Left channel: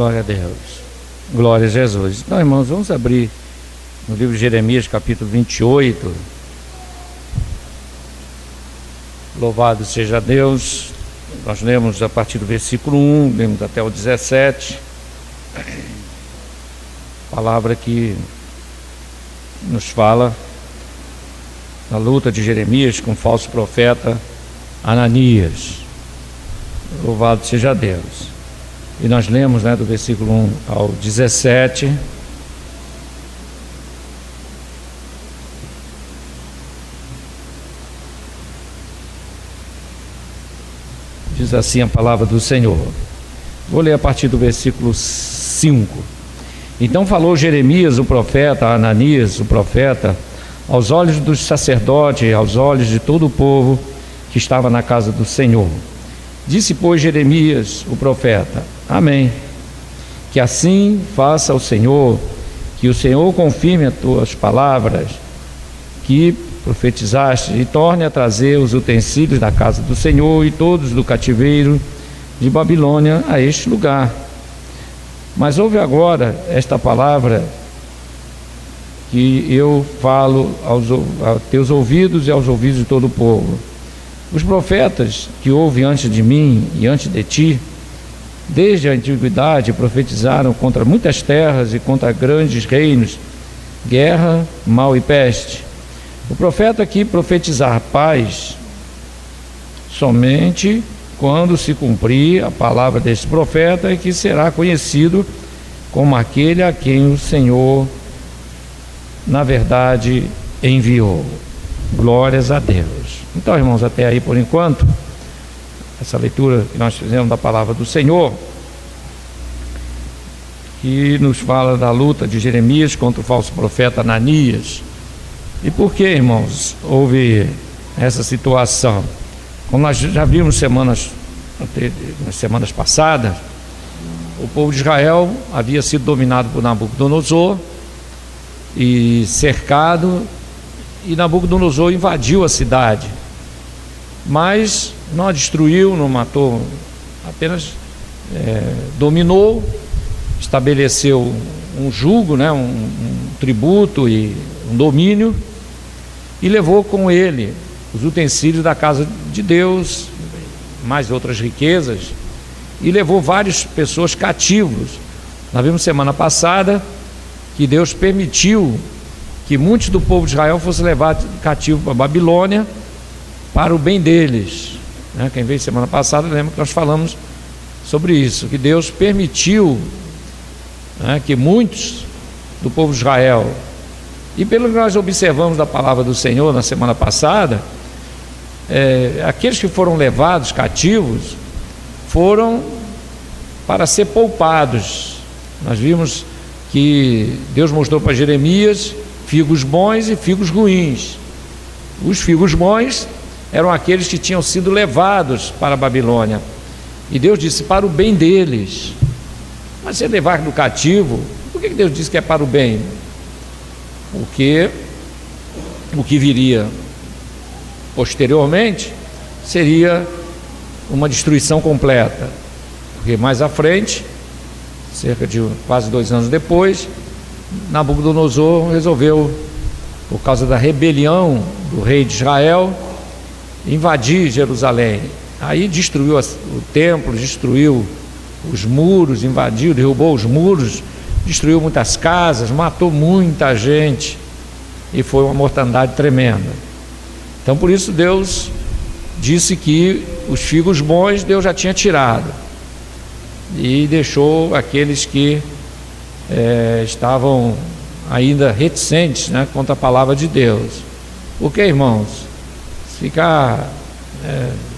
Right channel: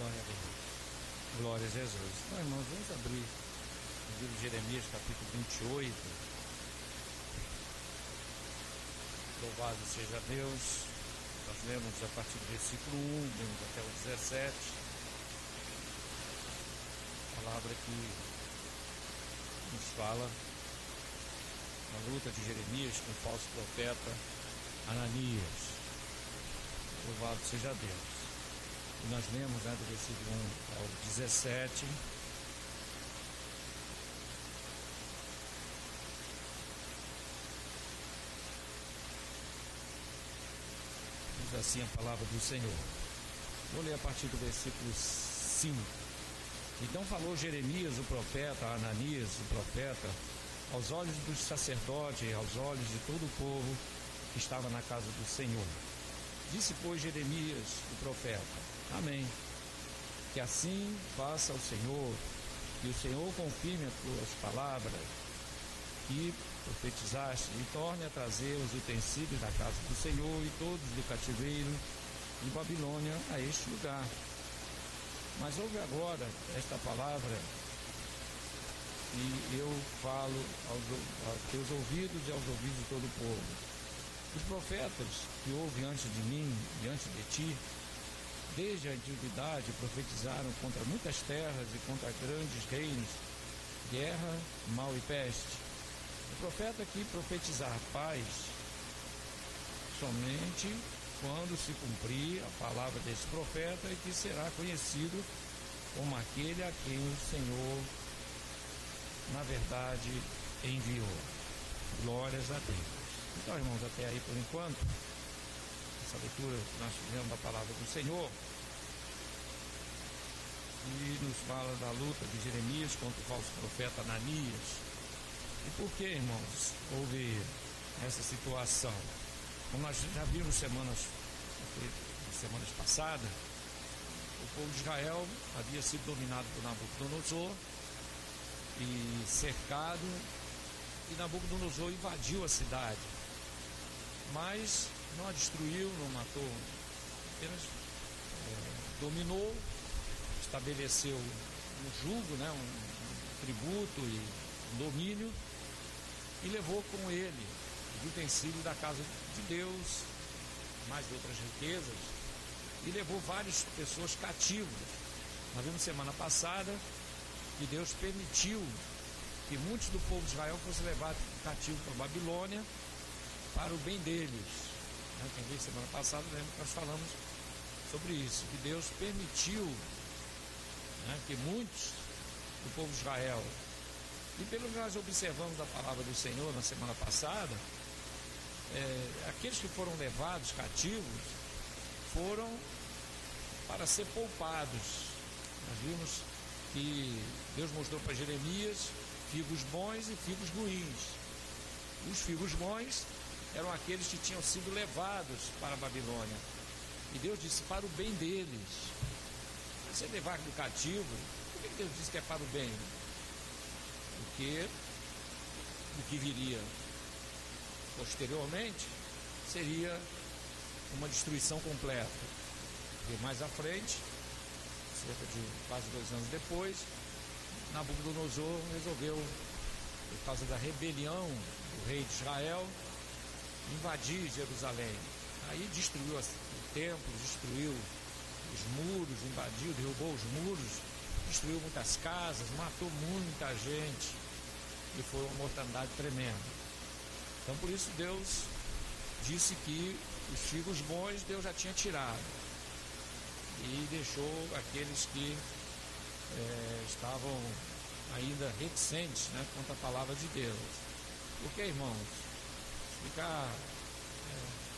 Glória a Deus. Glória a Jesus. Então, irmãos, vamos abrir no livro de Jeremias, capítulo 28. Louvado seja Deus. Nós lemos a partir do versículo 1, lemos até o 17. Palavra que nos fala da luta de Jeremias com o falso profeta Ananias. Louvado seja Deus. E nós lemos, do versículo 1 ao 17. Diz assim a palavra do Senhor. Vou ler a partir do versículo 5. Então falou Jeremias, o profeta, a Ananias, o profeta, aos olhos dos sacerdotes e aos olhos de todo o povo que estava na casa do Senhor. Disse, pois, Jeremias, o profeta: Amém. Que assim faça o Senhor, que o Senhor confirme as tuas palavras, que profetizaste, e torne a trazer os utensílios da casa do Senhor e todos do cativeiro de Babilônia a este lugar. Mas ouve agora esta palavra que eu falo aos teus ouvidos e aos ouvidos de todo o povo. Os profetas que houve antes de mim e antes de ti, desde a antiguidade, profetizaram contra muitas terras e contra grandes reinos, guerra, mal e peste. O profeta que profetizar paz, somente quando se cumprir a palavra deste profeta, é que será conhecido como aquele a quem o Senhor, na verdade, enviou. Glórias a Deus. Então, irmãos, até aí por enquanto, essa leitura que nós fizemos da palavra do Senhor, que nos fala da luta de Jeremias contra o falso profeta Ananias. E por que, irmãos, houve essa situação? Como nós já vimos nas semanas passadas, o povo de Israel havia sido dominado por Nabucodonosor e cercado, e Nabucodonosor invadiu a cidade, mas não a destruiu, não matou, apenas dominou, estabeleceu um jugo, um tributo e um domínio, e levou com ele os utensílios da casa de Deus, mais outras riquezas, e levou várias pessoas cativos. Nós vimos semana passada que Deus permitiu que muitos do povo de Israel fossem levados cativos para a Babilônia, para o bem deles. Quem veio semana passada lembra que nós falamos sobre isso, que Deus permitiu que muitos do povo de Israel, e pelo que nós observamos da palavra do Senhor na semana passada, aqueles que foram levados cativos foram para ser poupados. Nós vimos que Deus mostrou para Jeremias figos bons e figos ruins. Os figos bons eram aqueles que tinham sido levados para a Babilônia, e Deus disse para o bem deles. Mas se levar no cativo, por que Deus disse que é para o bem? Porque o que viria posteriormente seria uma destruição completa, porque mais à frente, cerca de quase 2 anos depois, Nabucodonosor resolveu, por causa da rebelião do rei de Israel, invadir Jerusalém. Aí destruiu o templo, destruiu os muros, invadiu, derrubou os muros, destruiu muitas casas, matou muita gente, e foi uma mortandade tremenda. Então, por isso Deus disse que os figos bons Deus já tinha tirado, e deixou aqueles que estavam ainda reticentes contra a palavra de Deus. Porque, irmãos, ficar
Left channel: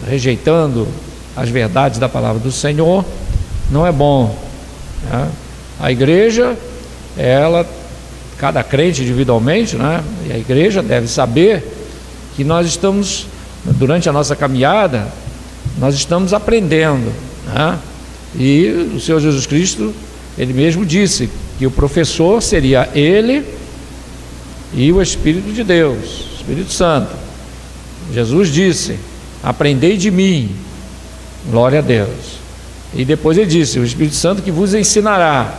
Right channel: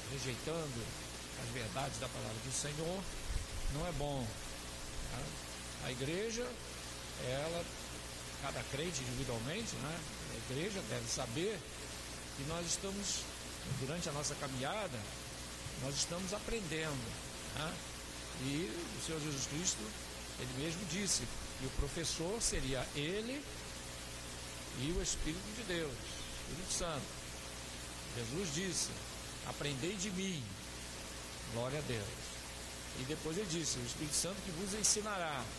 rejeitando as verdades da palavra do Senhor não é bom. A igreja, cada crente individualmente, e a igreja deve saber que nós estamos, durante a nossa caminhada, nós estamos aprendendo, e o Senhor Jesus Cristo, Ele mesmo disse que o professor seria Ele e o Espírito de Deus, o Espírito Santo. Jesus disse: aprendei de mim, glória a Deus. E depois ele disse: o Espírito Santo que vos ensinará,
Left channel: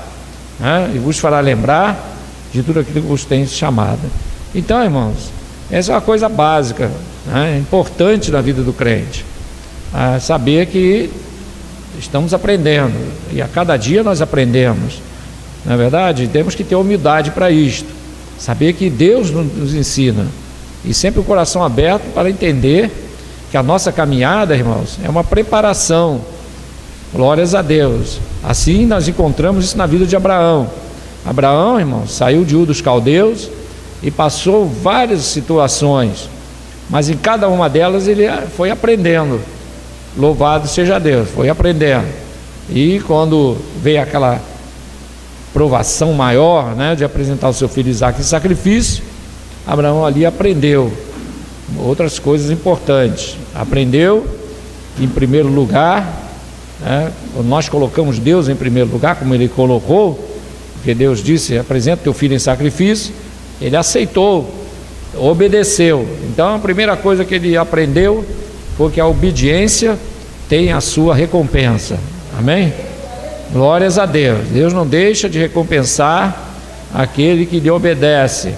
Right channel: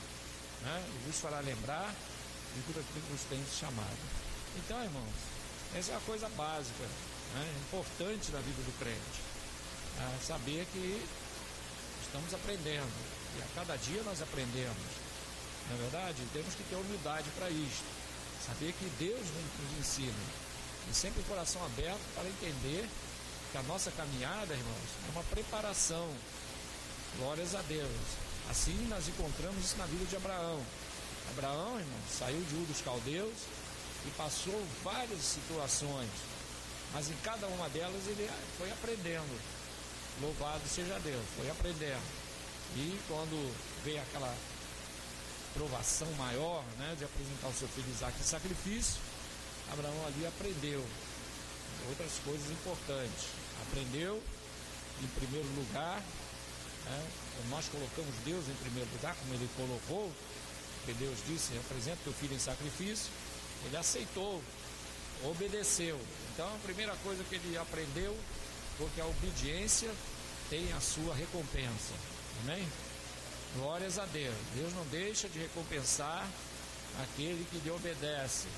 né? E vos fará lembrar de tudo aquilo que vos tem chamado. Então, irmãos, essa é uma coisa básica, né? Importante na vida do crente, saber que estamos aprendendo, e a cada dia nós aprendemos. Na verdade, temos que ter humildade para isto, saber que Deus nos ensina, e sempre o coração aberto para entender que a nossa caminhada, irmãos, é uma preparação. Glórias a Deus. Assim nós encontramos isso na vida de Abraão. Abraão, irmãos, saiu de Ur dos Caldeus e passou várias situações, mas em cada uma delas ele foi aprendendo. Louvado seja Deus, foi aprendendo. E quando veio aquela provação maior, né, de apresentar o seu filho Isaque em sacrifício, Abraão ali aprendeu outras coisas importantes. Aprendeu, em primeiro lugar, né, nós colocamos Deus em primeiro lugar, como ele colocou, porque Deus disse: apresenta teu filho em sacrifício. Ele aceitou, obedeceu. Então a primeira coisa que ele aprendeu foi que a obediência tem a sua recompensa. Amém? Glórias a Deus. Deus não deixa de recompensar aquele que lhe obedece.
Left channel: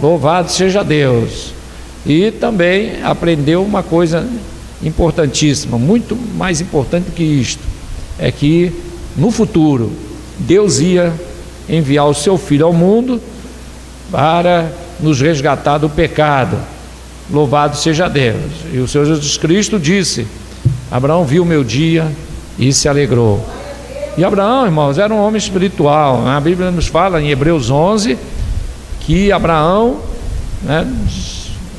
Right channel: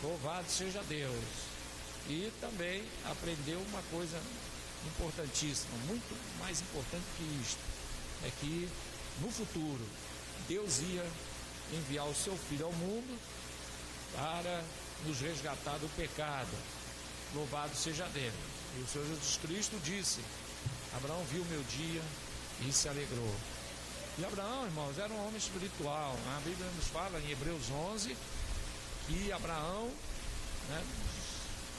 Louvado seja Deus. E também aprendeu uma coisa importantíssima, muito mais importante do que isto, é que no futuro Deus ia enviar o seu Filho ao mundo para nos resgatar do pecado. Louvado seja Deus. E o Senhor Jesus Cristo disse: Abraão viu o meu dia e se alegrou. E Abraão, irmãos, era um homem espiritual. A Bíblia nos fala em Hebreus 11 que Abraão, né,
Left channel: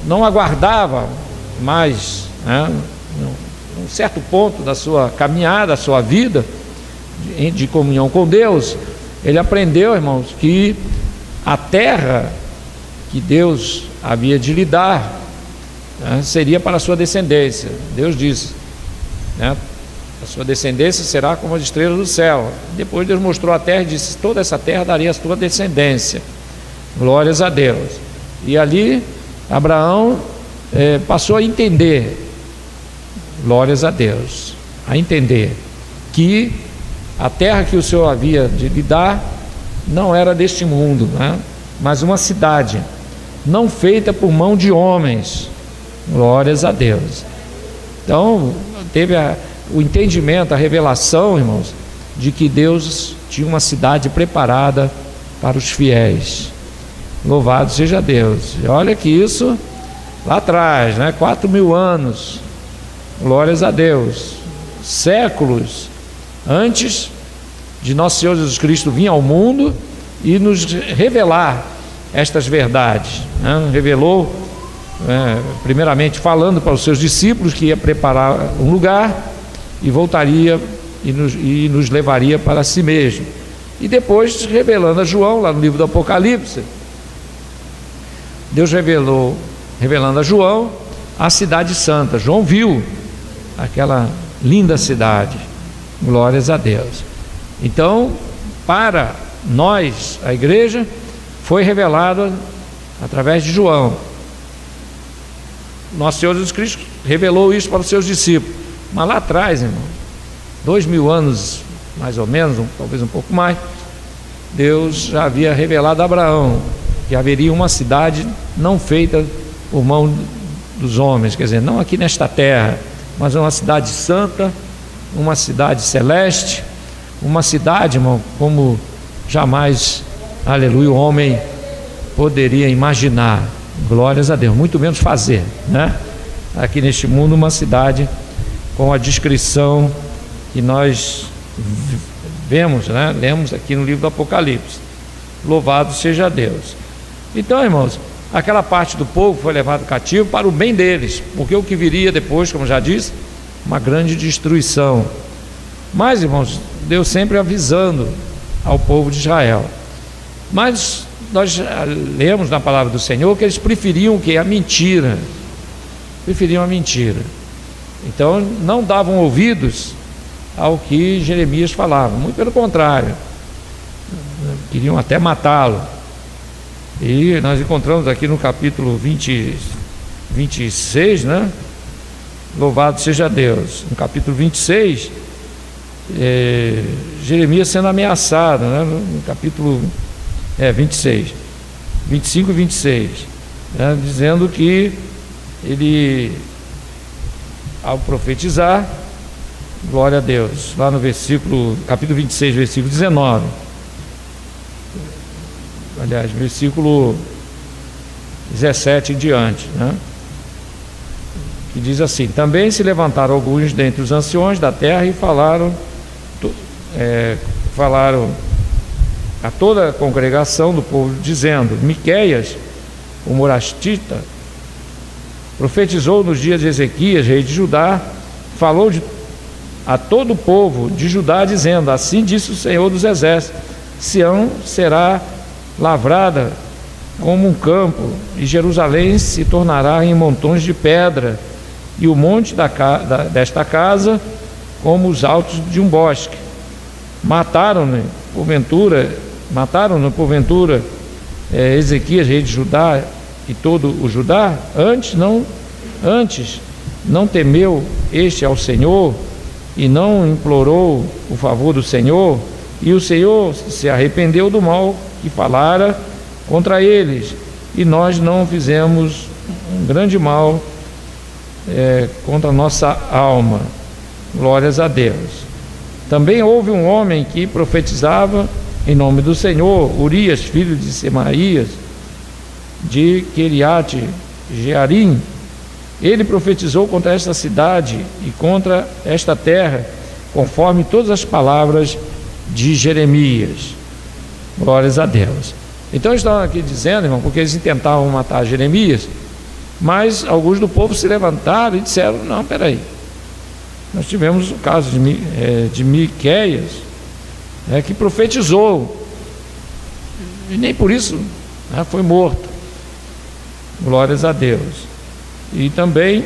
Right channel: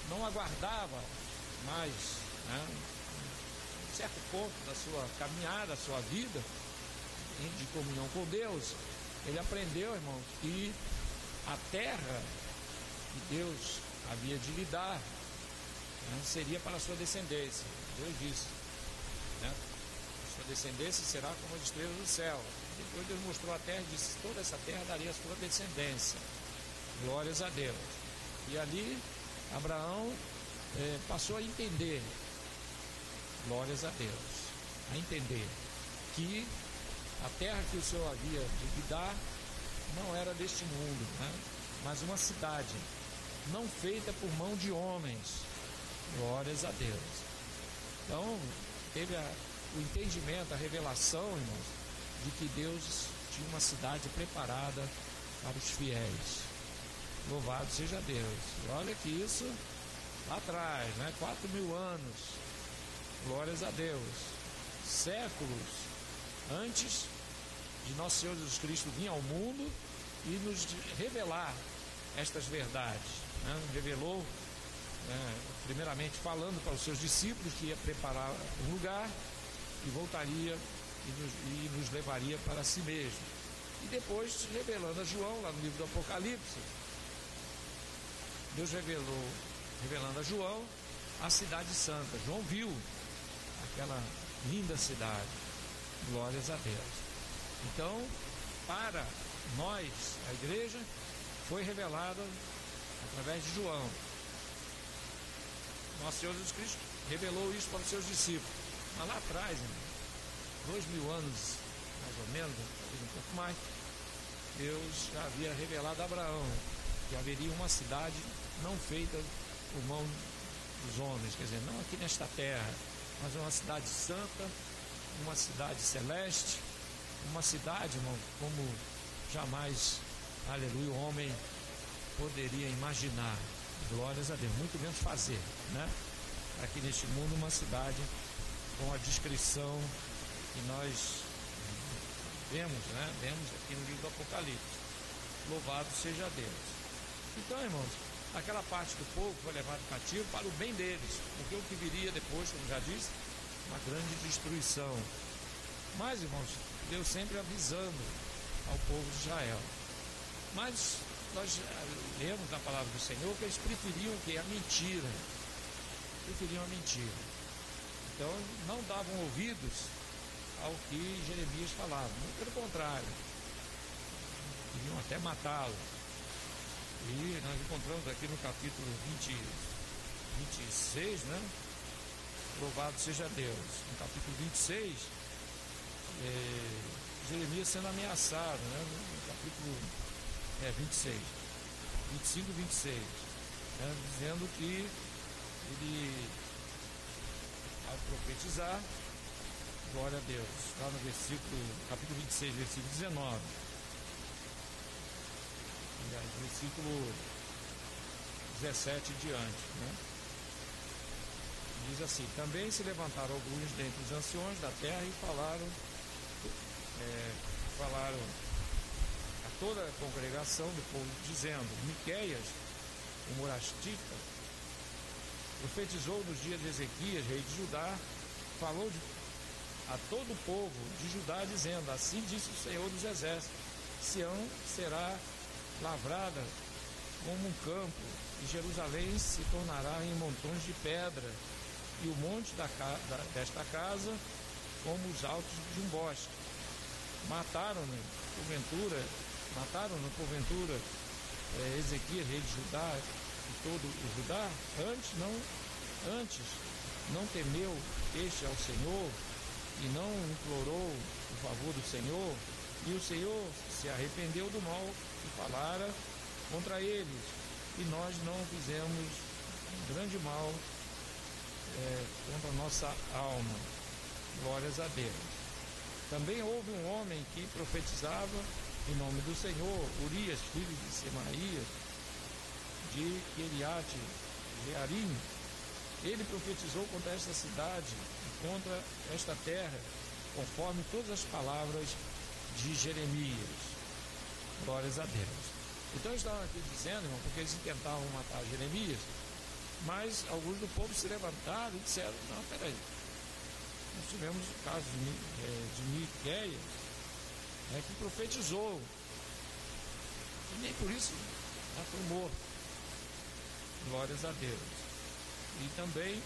não aguardava mais, né, um certo ponto da sua caminhada, da sua vida de comunhão com Deus. Ele aprendeu, irmãos, que a terra que Deus havia de lhe dar, né, seria para a sua descendência. Deus disse, né, a sua descendência será como as estrelas do céu. Depois Deus mostrou a terra e disse: toda essa terra daria a sua descendência. Glórias a Deus. E ali Abraão passou a entender, glórias a Deus, a entender que a terra que o Senhor havia de lhe dar não era deste mundo, né? Mas uma cidade não feita por mão de homens. Glórias a Deus. Então teve o entendimento, a revelação, irmãos, de que Deus tinha uma cidade preparada para os fiéis. Louvado seja Deus. E olha que isso lá atrás, né? 4.000 anos, glórias a Deus, séculos antes de nosso Senhor Jesus Cristo vir ao mundo e nos revelar estas verdades, né? Revelou, primeiramente falando para os seus discípulos que ia preparar um lugar e voltaria e nos levaria para si mesmo. E depois revelando a João, lá no livro do Apocalipse, Deus revelando a João a cidade santa. João viu aquela linda cidade. Glórias a Deus. Então, para nós, a igreja, foi revelado através de João. Nosso Senhor Jesus Cristo revelou isso para os seus discípulos. Mas lá atrás, irmão, 2.000 anos, mais ou menos, talvez um pouco mais, Deus já havia revelado a Abraão que haveria uma cidade não feita por mão dos homens, quer dizer, não aqui nesta terra, mas uma cidade santa, uma cidade celeste, uma cidade, irmão, como jamais, aleluia, o homem poderia imaginar. Glórias a Deus, muito menos fazer, né? Aqui neste mundo, uma cidade com a descrição que nós vemos, né? Lemos aqui no livro do Apocalipse. Louvado seja Deus. Então, irmãos, aquela parte do povo foi levado cativo para o bem deles, porque o que viria depois, como já disse, uma grande destruição. Mas, irmãos, Deus sempre avisando ao povo de Israel. Mas nós lemos na palavra do Senhor que eles preferiam o quê? A mentira. Preferiam a mentira. Então não davam ouvidos ao que Jeremias falava, muito pelo contrário, queriam até matá-lo. E nós encontramos aqui no capítulo 26, né? Louvado seja Deus. No capítulo 26, Jeremias sendo ameaçado, né, no capítulo 26, 25 e 26, né, dizendo que ele, ao profetizar, glória a Deus, lá no capítulo 26, versículo 19, aliás, versículo 17 em diante, né, que diz assim: também se levantaram alguns dentre os anciões da terra e falaram a toda a congregação do povo, dizendo: Miqueias, o morastita, profetizou nos dias de Ezequias, rei de Judá, falou a todo o povo de Judá, dizendo: assim disse o Senhor dos Exércitos, Sião será lavrada como um campo, e Jerusalém se tornará em montões de pedra, e o monte desta casa como os altos de um bosque. Mataram-no porventura Ezequias, rei de Judá, e todo o Judá? Antes não temeu este ao Senhor e não implorou o favor do Senhor, e o Senhor se arrependeu do mal que falara contra eles, e nós não fizemos um grande mal contra a nossa alma. Glórias a Deus. Também houve um homem que profetizava em nome do Senhor, Urias, filho de Semaías, de Quiriate Jearim. Ele profetizou contra esta cidade e contra esta terra, conforme todas as palavras de Jeremias. Glórias a Deus. Então estão aqui dizendo, irmão, porque eles intentavam matar Jeremias, mas alguns do povo se levantaram e disseram: não, peraí, nós tivemos o caso de Miqueias, que profetizou, e nem por isso foi morto. Glórias a Deus. E também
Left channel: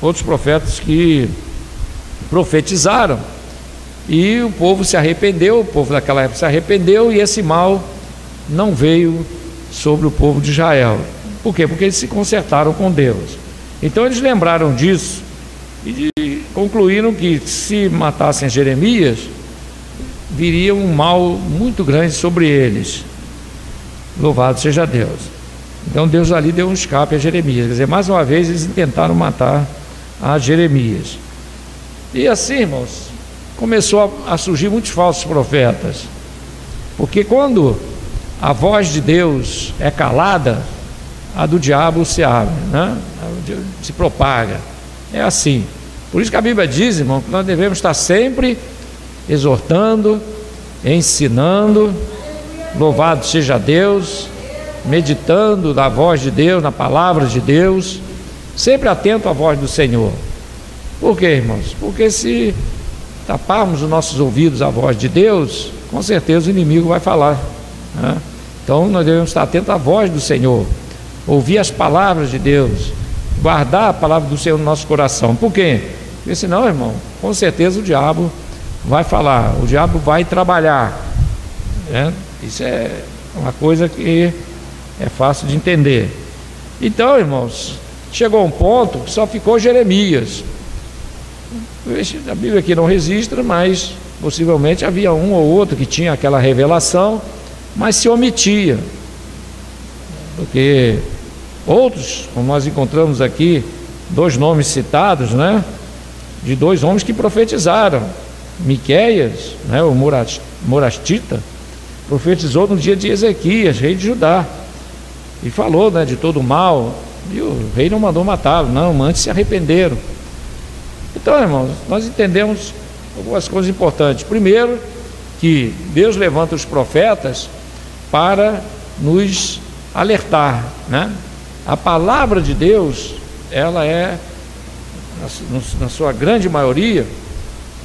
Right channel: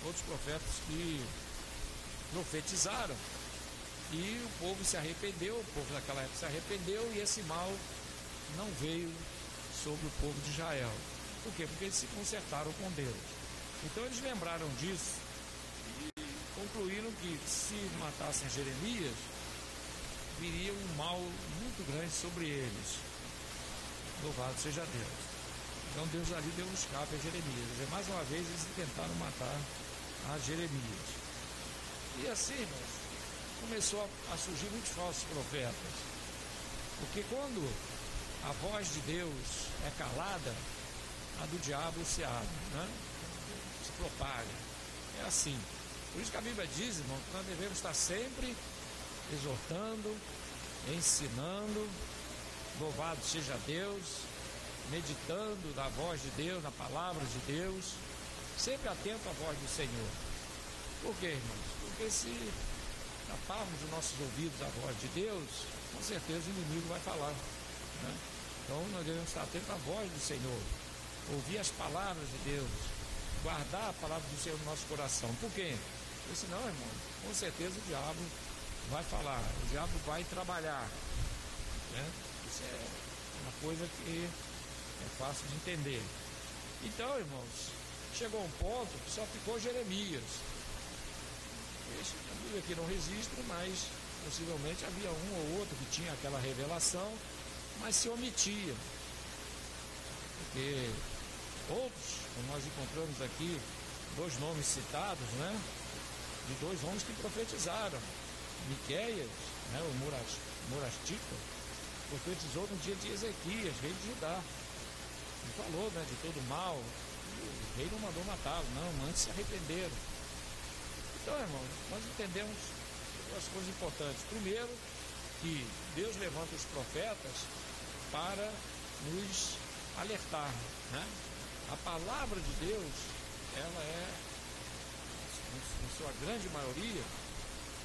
outros profetas que profetizaram, e o povo se arrependeu, o povo daquela época se arrependeu, e esse mal não veio sobre o povo de Israel. Por quê? Porque eles se consertaram com Deus. Então eles lembraram disso e concluíram que se matassem Jeremias, viria um mal muito grande sobre eles. Louvado seja Deus. Então Deus ali deu um escape a Jeremias. Quer dizer, mais uma vez eles tentaram matar a Jeremias. E assim, irmãos, começou a surgir muitos falsos profetas. Porque quando a voz de Deus é calada, a do diabo se abre, né? Se propaga. É assim. Por isso que a Bíblia diz, irmão, que nós devemos estar sempre exortando, ensinando, louvado seja Deus, meditando na voz de Deus, na palavra de Deus, sempre atento à voz do Senhor. Por quê, irmãos? Porque se taparmos os nossos ouvidos à voz de Deus, com certeza o inimigo vai falar, né? Então nós devemos estar atentos à voz do Senhor, ouvir as palavras de Deus, guardar a palavra do Senhor no nosso coração. Por quê? Porque senão, irmão, com certeza o diabo vai falar, o diabo vai trabalhar, né? Isso é uma coisa que é fácil de entender. Então, irmãos, chegou um ponto que só ficou Jeremias. A Bíblia aqui não registra, mas possivelmente havia um ou outro que tinha aquela revelação, mas se omitia, porque outros, como nós encontramos aqui, dois nomes citados, né, de dois homens que profetizaram. Miqueias, né, o morastita, profetizou no dia de Ezequias, rei de Judá, e falou, né, de todo o mal, e o rei não mandou matá-lo, não, antes se arrependeram. Então, irmãos, nós entendemos algumas coisas importantes. Primeiro, que Deus levanta os profetas para nos alertar, né? A palavra de Deus, ela é, na sua grande maioria,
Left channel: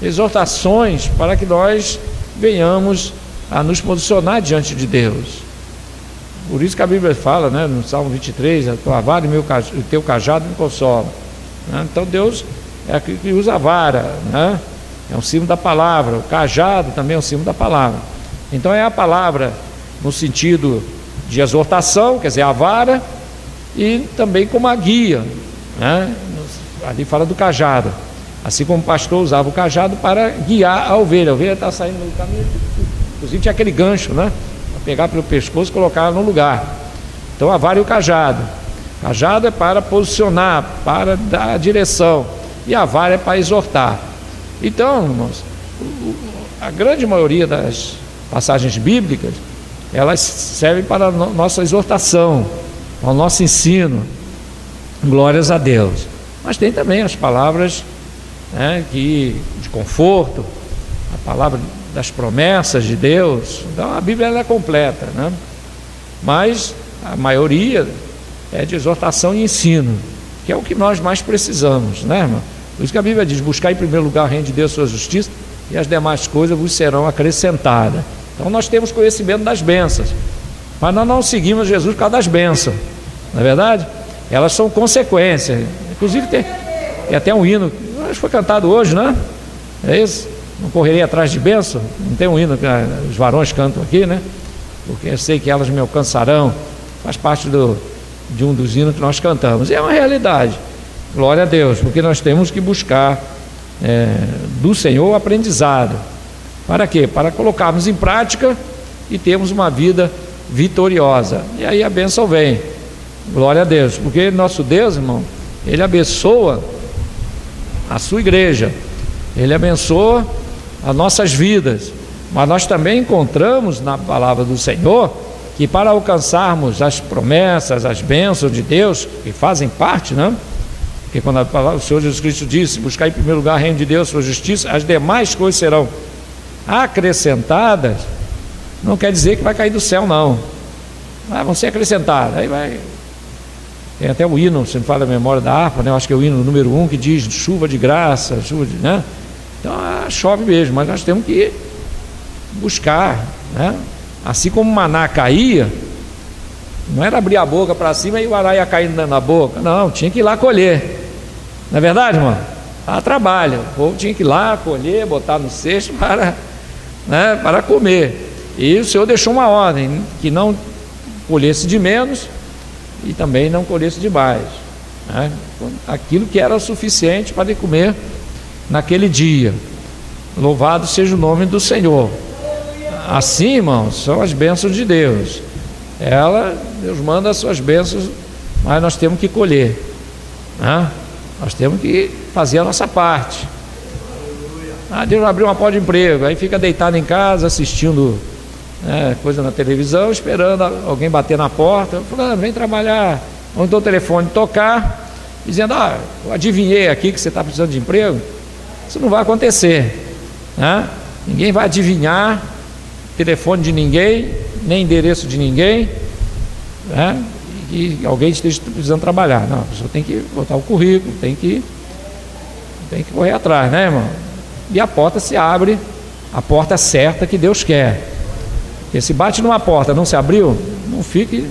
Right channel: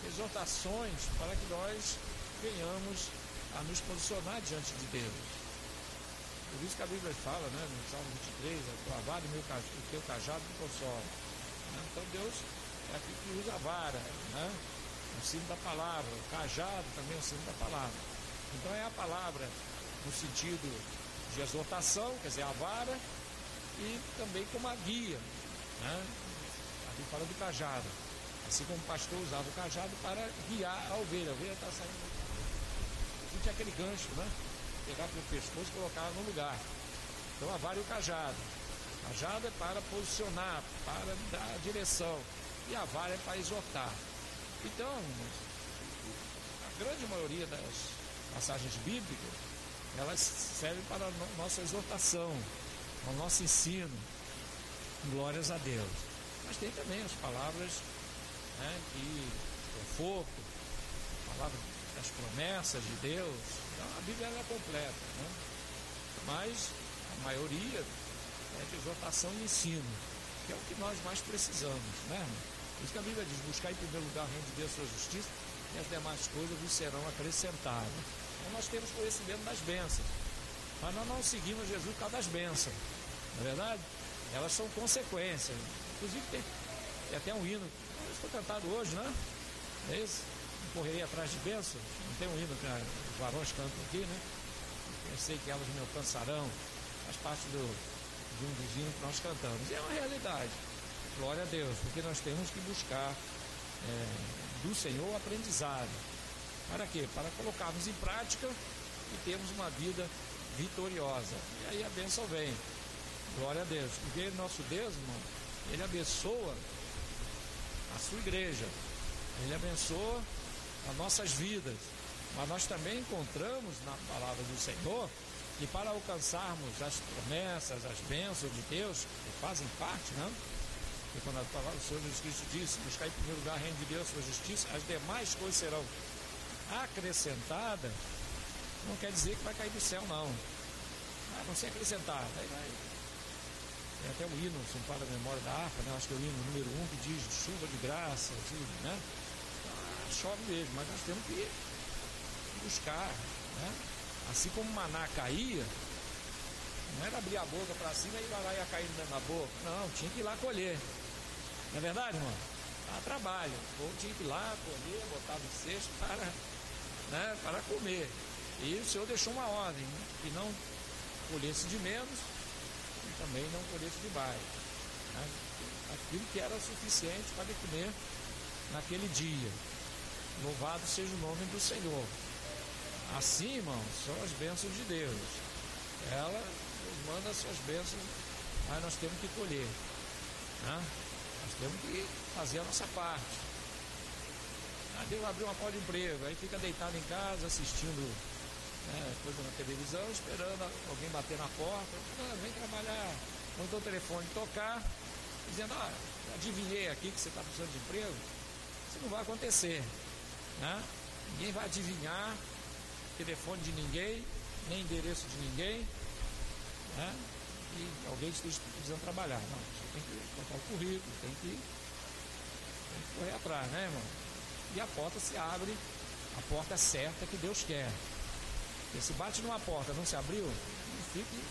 exortações para que nós venhamos a nos posicionar diante de Deus. Por isso que a Bíblia fala, né, no Salmo 23, a tua vara e o teu cajado me consolam, né? Então Deus é aquele que usa a vara, né? É um símbolo da palavra. O cajado também é um símbolo da palavra. Então é a palavra no sentido de exortação, quer dizer, a vara, e também como a guia, né? Ali fala do cajado. Assim como o pastor usava o cajado para guiar a ovelha está saindo do caminho, inclusive tinha aquele gancho, né? Para pegar pelo pescoço e colocar no lugar. Então a vara e o cajado. O cajado é para posicionar, para dar direção, e a vara é para exortar. Então, irmãos, a grande maioria das passagens bíblicas, elas servem para a nossa exortação, ao nosso ensino. Glórias a Deus. Mas tem também as palavras, né, de conforto, a palavra das promessas de Deus. Então a Bíblia ela é completa, né? Mas a maioria é de exortação e ensino, que é o que nós mais precisamos, né, irmão? Por isso que a Bíblia diz: buscar em primeiro lugar o reino de Deus, sua justiça, e as demais coisas vos serão acrescentadas. Então nós temos conhecimento das bênçãos, mas nós não seguimos Jesus por causa das bênçãos, não é verdade? Elas são consequências. Inclusive tem até um hino, acho que foi cantado hoje, né? É isso? Não correrei atrás de bênção. Não tem um hino que os varões cantam aqui, né? Porque eu sei que elas me alcançarão. Faz parte de um dos hinos que nós cantamos. E é uma realidade. Glória a Deus, porque nós temos que buscar do Senhor o aprendizado. Para quê? Para colocarmos em prática e termos uma vida vitoriosa. E aí a bênção vem. Glória a Deus, porque nosso Deus, irmão, Ele abençoa a sua igreja, Ele abençoa as nossas vidas, mas nós também encontramos na palavra do Senhor que para alcançarmos as promessas, as bênçãos de Deus, que fazem parte, né? Porque quando a palavra do Senhor Jesus Cristo disse: buscar em primeiro lugar o reino de Deus, sua justiça, as demais coisas serão acrescentadas, não quer dizer que vai cair do céu, não. Vão ser acrescentadas. Aí vai. Tem até o hino, se me fala a memória da harpa, né? Eu acho que é o hino número 1 que diz chuva de graça, chuva de, né? Então chove mesmo, mas nós temos que buscar, né? Assim como o maná caía, não era abrir a boca para cima e o ará ia caindo na boca, não, tinha que ir lá colher, não é verdade, irmão? Trabalho, o povo tinha que ir lá colher, botar no cesto para comer. E o Senhor deixou uma ordem, que não colhesse de menos e também não colhesse de mais, né? Aquilo que era suficiente para ele comer naquele dia. Louvado seja o nome do Senhor. Assim, irmãos, são as bênçãos de Deus. Deus manda as suas bênçãos, mas nós temos que colher, né? Nós temos que fazer a nossa parte. Deus abriu uma porta de emprego, aí fica deitado em casa assistindo coisa na televisão, esperando alguém bater na porta. Fulano, vem trabalhar. Ou então o telefone tocar, dizendo: eu adivinhei aqui que você está precisando de emprego. Isso não vai acontecer, né? Ninguém vai adivinhar telefone de ninguém, nem endereço de ninguém, né? E alguém esteja precisando trabalhar. Não, a pessoa tem que botar o currículo, tem que correr atrás, né, irmão? E a porta se abre, a porta certa que Deus quer. Porque se bate numa porta, não se abriu, não fique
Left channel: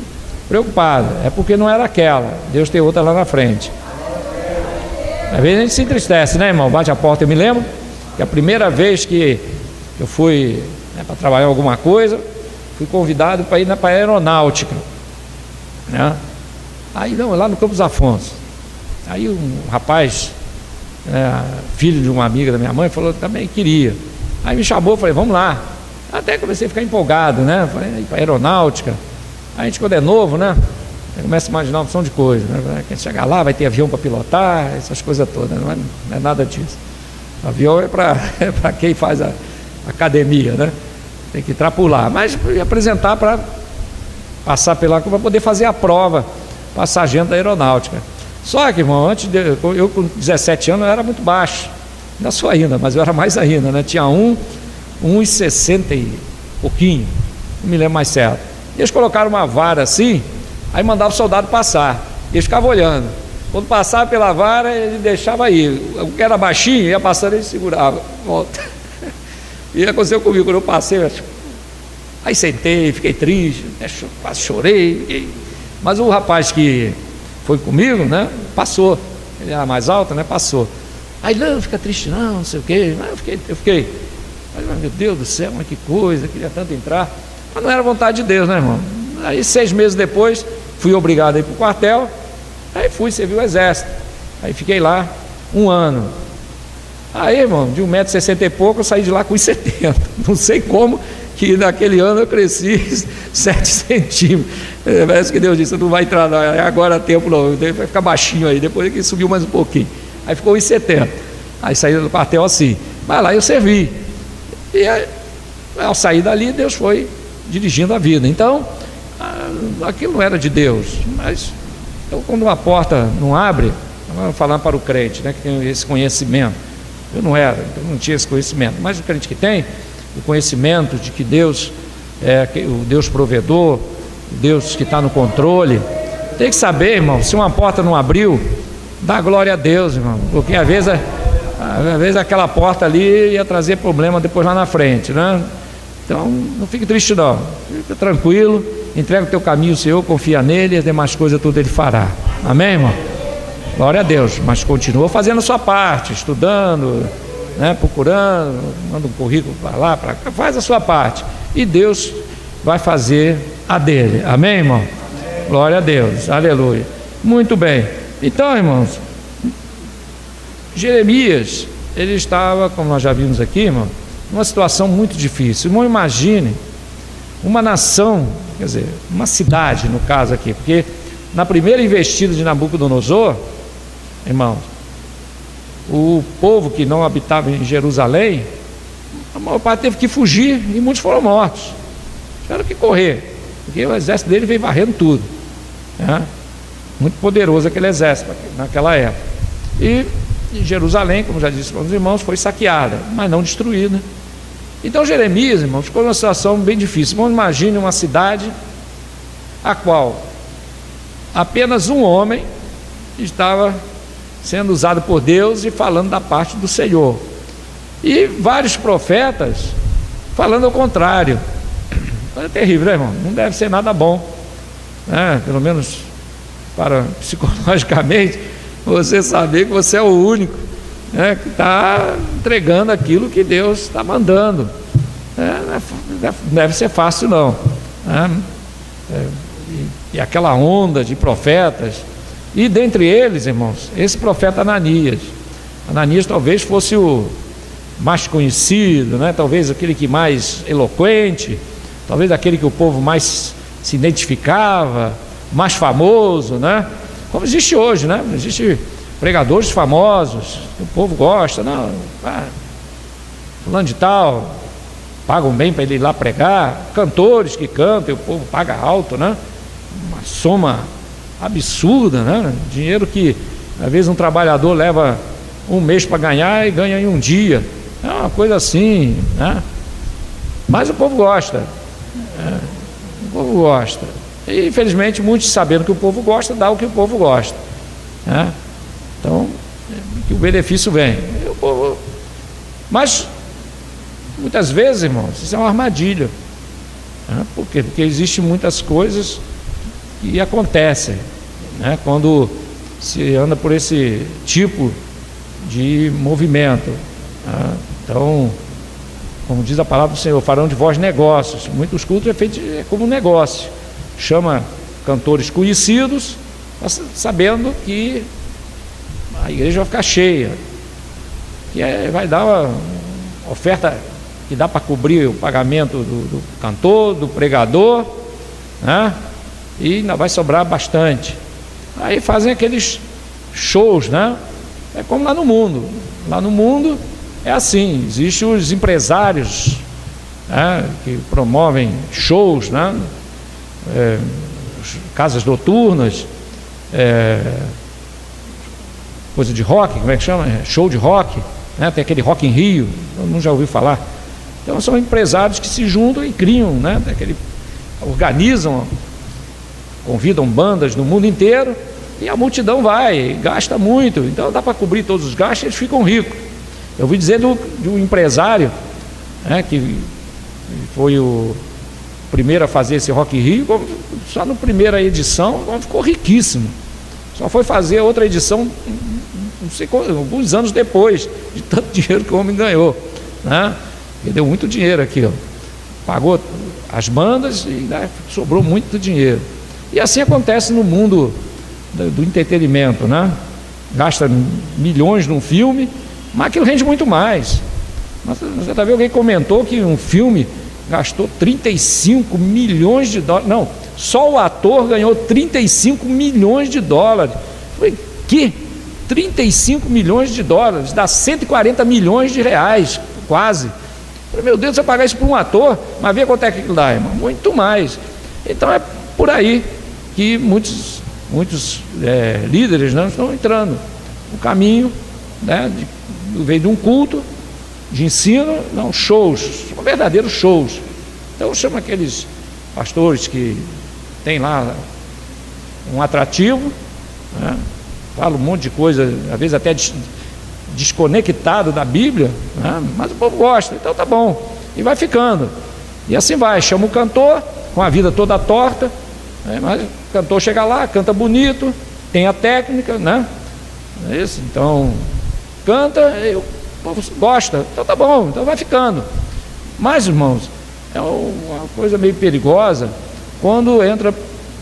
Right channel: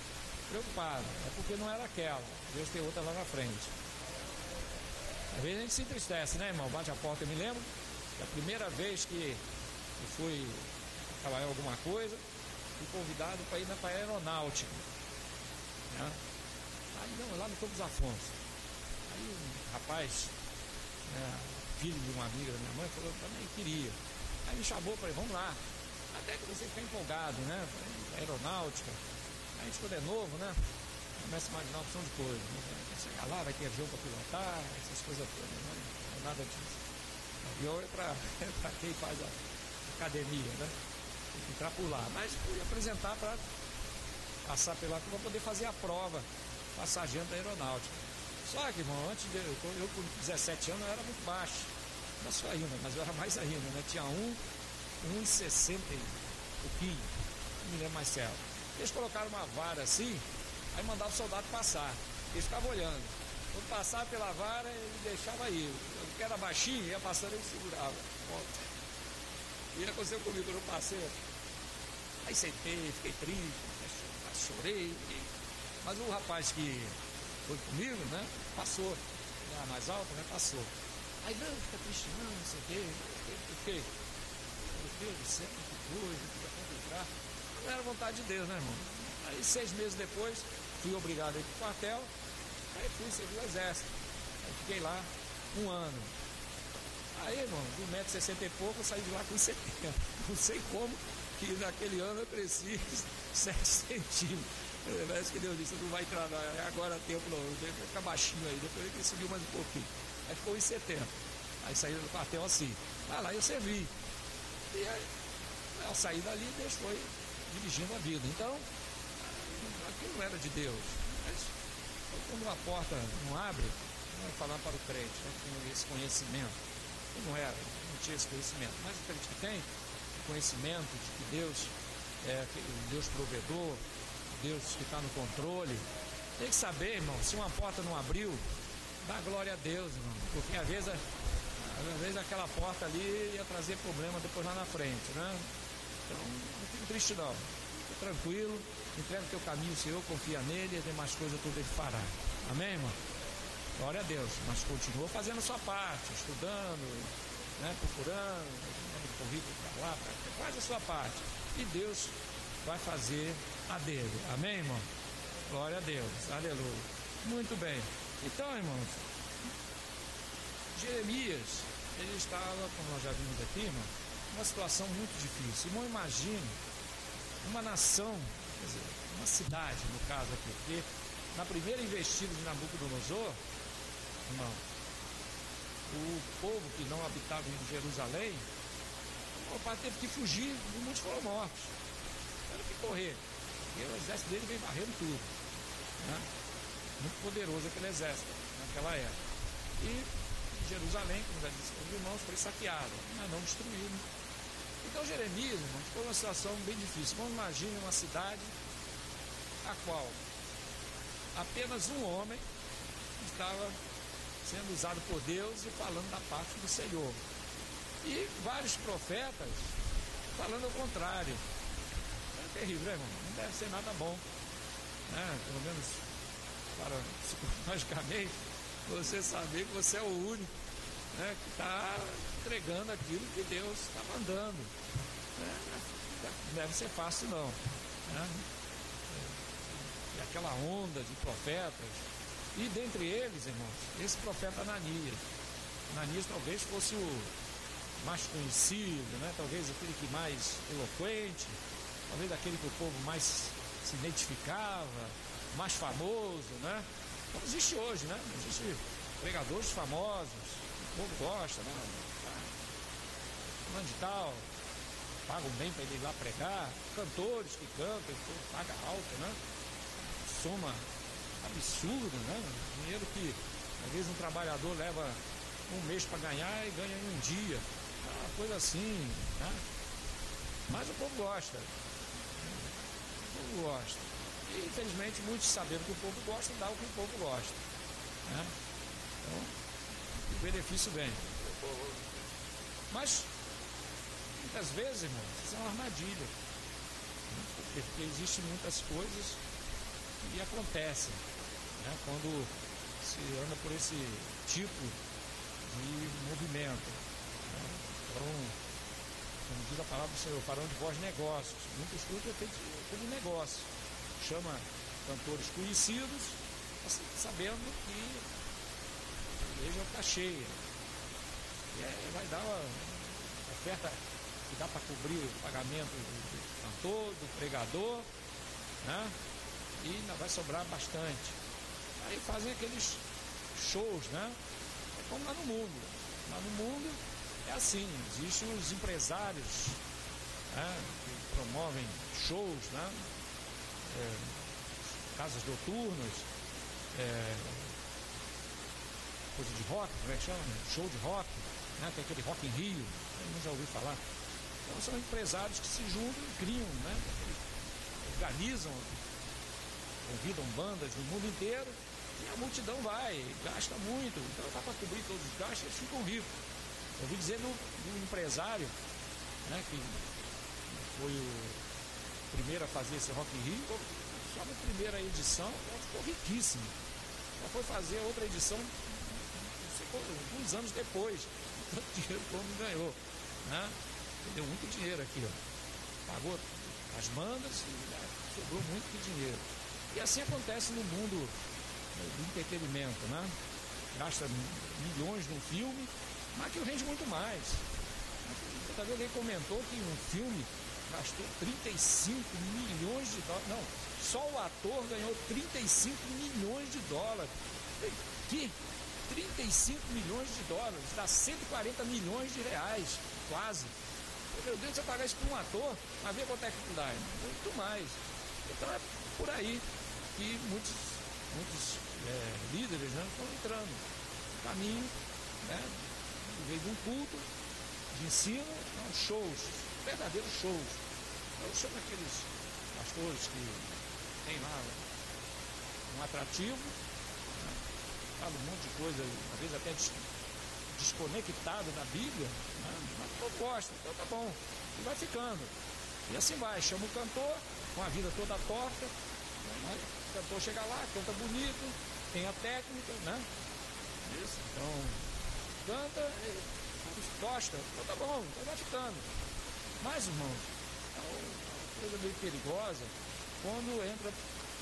preocupado, é porque não era aquela, Deus tem outra lá na frente. Às vezes a gente se entristece, né, irmão? Bate a porta. Eu me lembro que a primeira vez que eu fui para trabalhar alguma coisa, fui convidado para ir para a aeronáutica, né? Aí não, lá no Campos Afonso. Aí um rapaz, filho de uma amiga da minha mãe, falou que também queria. Aí me chamou, falei: vamos lá. Até comecei a ficar empolgado, né? Falei: para a aeronáutica. Aí a gente, quando é novo, né, começa a imaginar uma opção de coisa, né? Quer chegar lá, vai ter avião para pilotar, essas coisas todas. Não é nada disso. O avião é para quem faz a academia, né? Tem que trapular, mas apresentar para passar pela, para poder fazer a prova, para sargento da aeronáutica. Só que, irmão, eu com 17 anos eu era muito baixo, ainda sou ainda, mas eu era mais ainda, né? Tinha 1,60 e pouquinho, não me lembro mais certo. Eles colocaram uma vara assim, aí mandava o soldado passar, eles ficavam olhando. Quando passava pela vara, ele deixava aí. O que era baixinho, ia passando, ele segurava, volta. E aconteceu comigo, quando eu passei, aí sentei, fiquei triste, quase chorei. Mas o rapaz que foi comigo, né, passou. Ele era mais alto, né, passou. Aí, não fica triste não sei o quê. Eu fiquei. Mas, meu Deus do céu, mas que coisa, queria tanto entrar. Mas não era vontade de Deus, né, irmão? Aí 6 meses depois, fui obrigado a ir para o quartel. Aí fui servir o exército. Aí fiquei lá 1 ano. Aí, irmão, de 1,60 m e pouco, eu saí de lá com 1,70 m. Não sei como que naquele ano eu cresci 7 centímetros. Parece que Deus disse, não vai entrar, não, agora é tempo não, vai ficar baixinho aí, depois que subiu mais um pouquinho. Aí ficou 1,70 m. Aí saí do quartel assim. Mas lá eu servi. E aí, ao sair dali, Deus foi dirigindo a vida. Então, aquilo não era de Deus. Mas, então, quando uma porta não abre, vamos falar para o crente, né, que tem esse conhecimento. Eu não era, então não tinha esse conhecimento. Mas o crente que tem o conhecimento de que Deus é o Deus provedor, o Deus que está no controle, tem que saber, irmão, se uma porta não abriu, dá glória a Deus, irmão, porque às vezes aquela porta ali ia trazer problema depois lá na frente, né? Então não fique triste não, fica tranquilo, entrega o teu caminho ao Senhor, confia nele, as demais coisas tudo ele fará. Amém, irmão? Glória a Deus. Mas continua fazendo a sua parte, estudando, né, procurando, manda um currículo para lá, para cá, faz a sua parte e Deus vai fazer a dele. Amém, irmão? Glória a Deus, aleluia. Muito bem. Então, irmãos, Jeremias, ele estava, como nós já vimos aqui, irmão, numa situação muito difícil. Irmão, imagine uma nação, quer dizer, uma cidade no caso aqui, porque na primeira investida de Nabucodonosor, irmãos, o povo que não habitava em Jerusalém, a maior parte teve que fugir e muitos foram mortos. Tiveram que correr, porque o exército dele veio varrendo tudo, né? Muito poderoso aquele exército naquela época. E Jerusalém, como já disse para os irmãos, foi saqueada, mas não destruída. Então Jeremias, irmãos, ficou numa situação bem difícil. Vamos imaginar uma cidade a qual apenas um homem estava sendo usado por Deus e falando da parte do Senhor, e vários profetas falando ao contrário. É terrível, né, irmão? Não deve ser nada bom, né? Pelo menos para psicologicamente, você saber que você é o único, né, que está entregando aquilo que Deus está mandando. Não deve ser fácil não, né? E aquela onda de profetas, e dentre eles, irmãos, esse profeta Ananias. Ananias talvez fosse o mais conhecido, né? Talvez aquele que mais eloquente, talvez aquele que o povo mais se identificava, mais famoso, né? Como existe hoje, né? Existe pregadores famosos, o povo gosta, não, fulano de tal, pagam bem para ele ir lá pregar, cantores que cantam, o povo paga alto, né? Uma soma absurda, né? Dinheiro que às vezes um trabalhador leva um mês para ganhar e ganha em um dia, é uma coisa assim, né? Mas o povo gosta, o povo gosta, e infelizmente muitos, sabendo que o povo gosta, dá o que o povo gosta, né? Então que o benefício vem, o povo... Mas muitas vezes, irmãos, isso é uma armadilha, né? Por quê? Porque existem muitas coisas que acontecem, né, quando se anda por esse tipo de movimento, né? Então, como diz a palavra do Senhor, farão de vós negócios. Muitos cultos é feito como um negócio, chama cantores conhecidos, sabendo que a igreja vai ficar cheia, que vai dar uma oferta que dá para cobrir o pagamento do cantor, do pregador, né? E ainda vai sobrar bastante. Aí fazem aqueles shows, né? É como lá no mundo. Lá no mundo é assim, existem os empresários, né, que promovem shows, né? Casas noturnas, coisa de rock, como é que chama? Show de rock, né? Tem aquele Rock in Rio, todo mundo já ouviu falar. Então são empresários que se juntam e criam, né? Organizam, convidam bandas no mundo inteiro e a multidão vai, gasta muito, então dá para cobrir todos os gastos e eles ficam ricos. Eu ouvi dizer de um empresário, né, que foi o primeiro a fazer esse Rock in Rio, só na primeira edição ficou riquíssimo, só foi fazer outra edição não sei, alguns anos depois, de tanto dinheiro que o homem ganhou, né? Ele deu muito dinheiro aqui, ó. Pagou as bandas e sobrou muito dinheiro. E assim acontece no mundo do entretenimento, né? Gasta milhões num filme Mas aquilo rende muito mais. Mas você está vendo, alguém comentou que um filme gastou 35 milhões de dólares. Não, só o ator ganhou 35 milhões de dólares. Eu falei, que? 35 milhões de dólares, dá 140 milhões de reais, quase. Eu falei, meu Deus, você pagar isso para um ator, mas vê quanto é que dá, irmão, muito mais. Então é por aí que muitos líderes não estão entrando no caminho, né, veio de um culto de ensino, não, shows, são verdadeiros shows. Então chama aqueles pastores que tem lá um atrativo, né, fala um monte de coisa, às vezes até desconectado da Bíblia, né, mas o povo gosta, então tá bom, e vai ficando, e assim vai, chama o cantor com a vida toda torta, né, mas o cantor chega lá, canta bonito, tem a técnica, né, é isso, então canta, o povo gosta, então tá bom, então vai ficando. Mas, irmãos, é uma coisa meio perigosa quando entra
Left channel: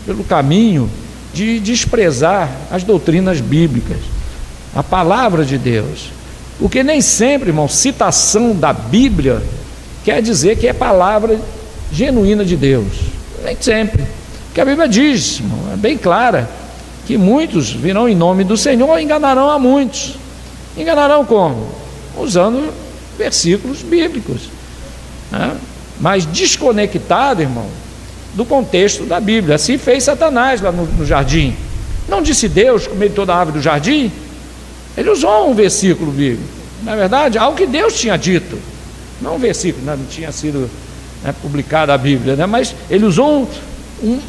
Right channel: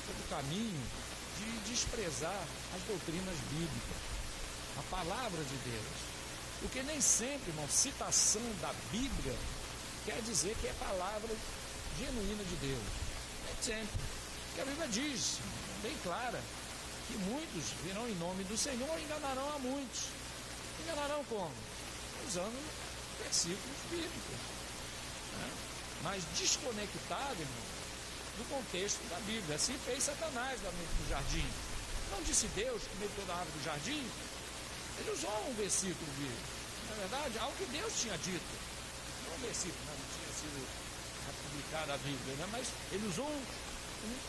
pelo caminho de desprezar as doutrinas bíblicas, a palavra de Deus, porque nem sempre, irmão, citação da Bíblia quer dizer que é palavra genuína de Deus, nem sempre, porque a Bíblia diz, irmão, é bem clara, que muitos virão em nome do Senhor e enganarão a muitos. Enganarão como? Usando versículos bíblicos, né? Mas desconectado, irmão, do contexto da Bíblia. Assim fez Satanás lá no jardim. Não disse Deus comer toda a árvore do jardim? Ele usou um versículo bíblico, na verdade, algo que Deus tinha dito, não um versículo, não tinha sido, né, publicada a Bíblia, né? Mas ele usou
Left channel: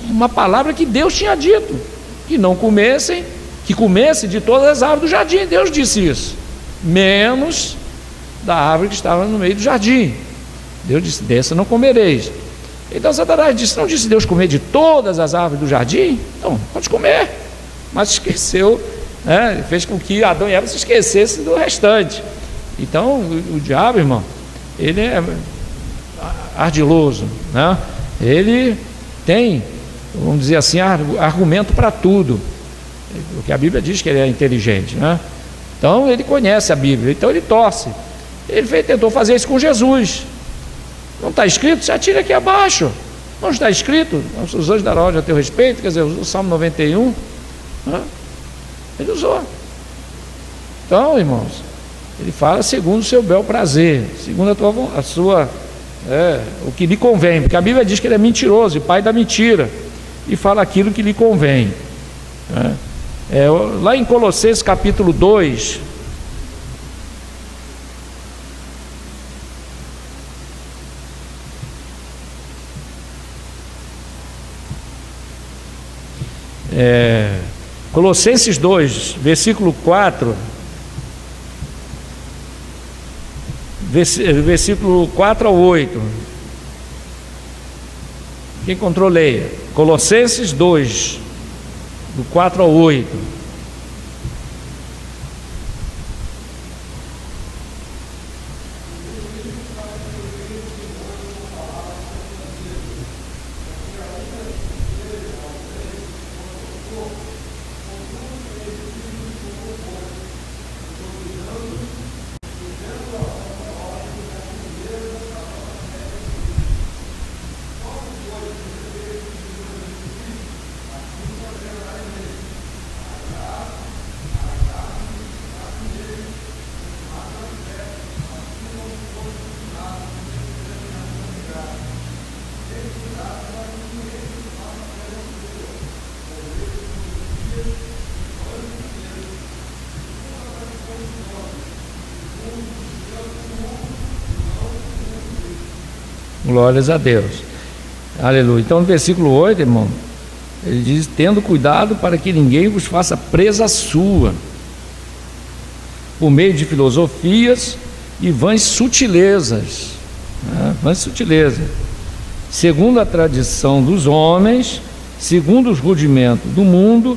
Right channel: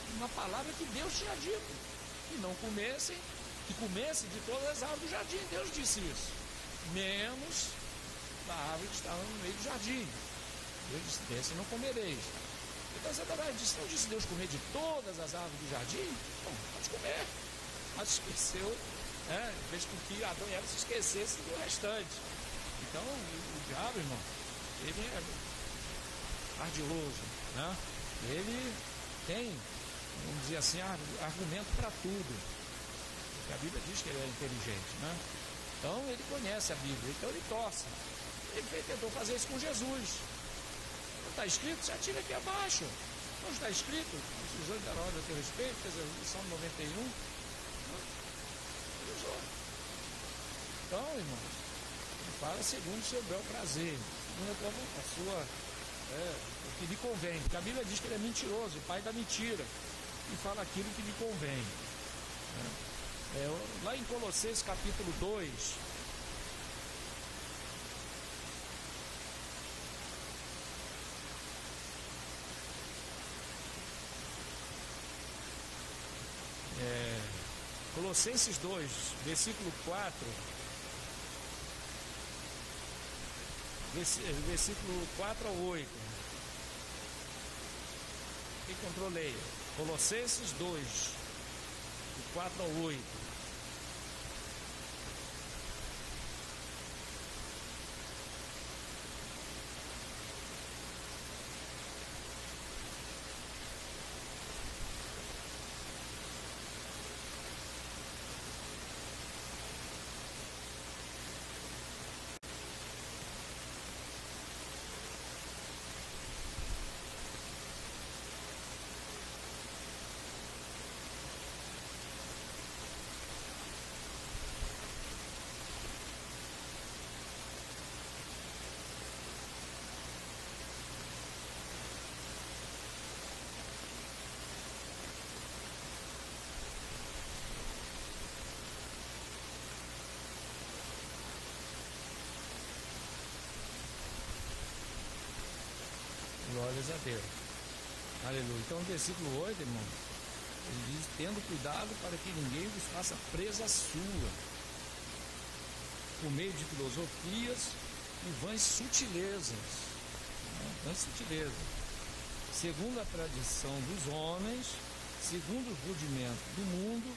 uma palavra que Deus tinha dito, que não comessem, que comessem de todas as árvores do jardim. Deus disse isso, menos da árvore que estava no meio do jardim. Deus disse, dessa não comereis. Então Satanás disse, não disse Deus comer de todas as árvores do jardim? Então, pode comer. Mas esqueceu, né? Fez com que Adão e Eva se esquecessem do restante. Então o diabo, irmão, ele é ardiloso, né? Ele tem, vamos dizer assim, argumento para tudo, porque a Bíblia diz que ele é inteligente, né? Então ele conhece a Bíblia, então ele torce. Ele tentou fazer isso com Jesus. Não está escrito? Se atira aqui abaixo. Não está escrito? Os anjos darão ordem a teu respeito. Quer dizer, o Salmo 91, né? Ele usou. Então, irmãos, ele fala segundo o seu bel prazer, segundo o que lhe convém, porque a Bíblia diz que ele é mentiroso e pai da mentira, e fala aquilo que lhe convém, né? Lá em Colossenses capítulo 2, Colossenses 2, versículo 4, versículo 4 ao 8. Quem encontrou, leia. Colossenses 2, do 4 ao 8. Glórias a Deus, aleluia. Então no versículo 8, irmão, ele diz, tendo cuidado para que ninguém vos faça presa sua, por meio de filosofias e vãs sutilezas, né? Vãs sutilezas, segundo a tradição dos homens, segundo os rudimentos do mundo,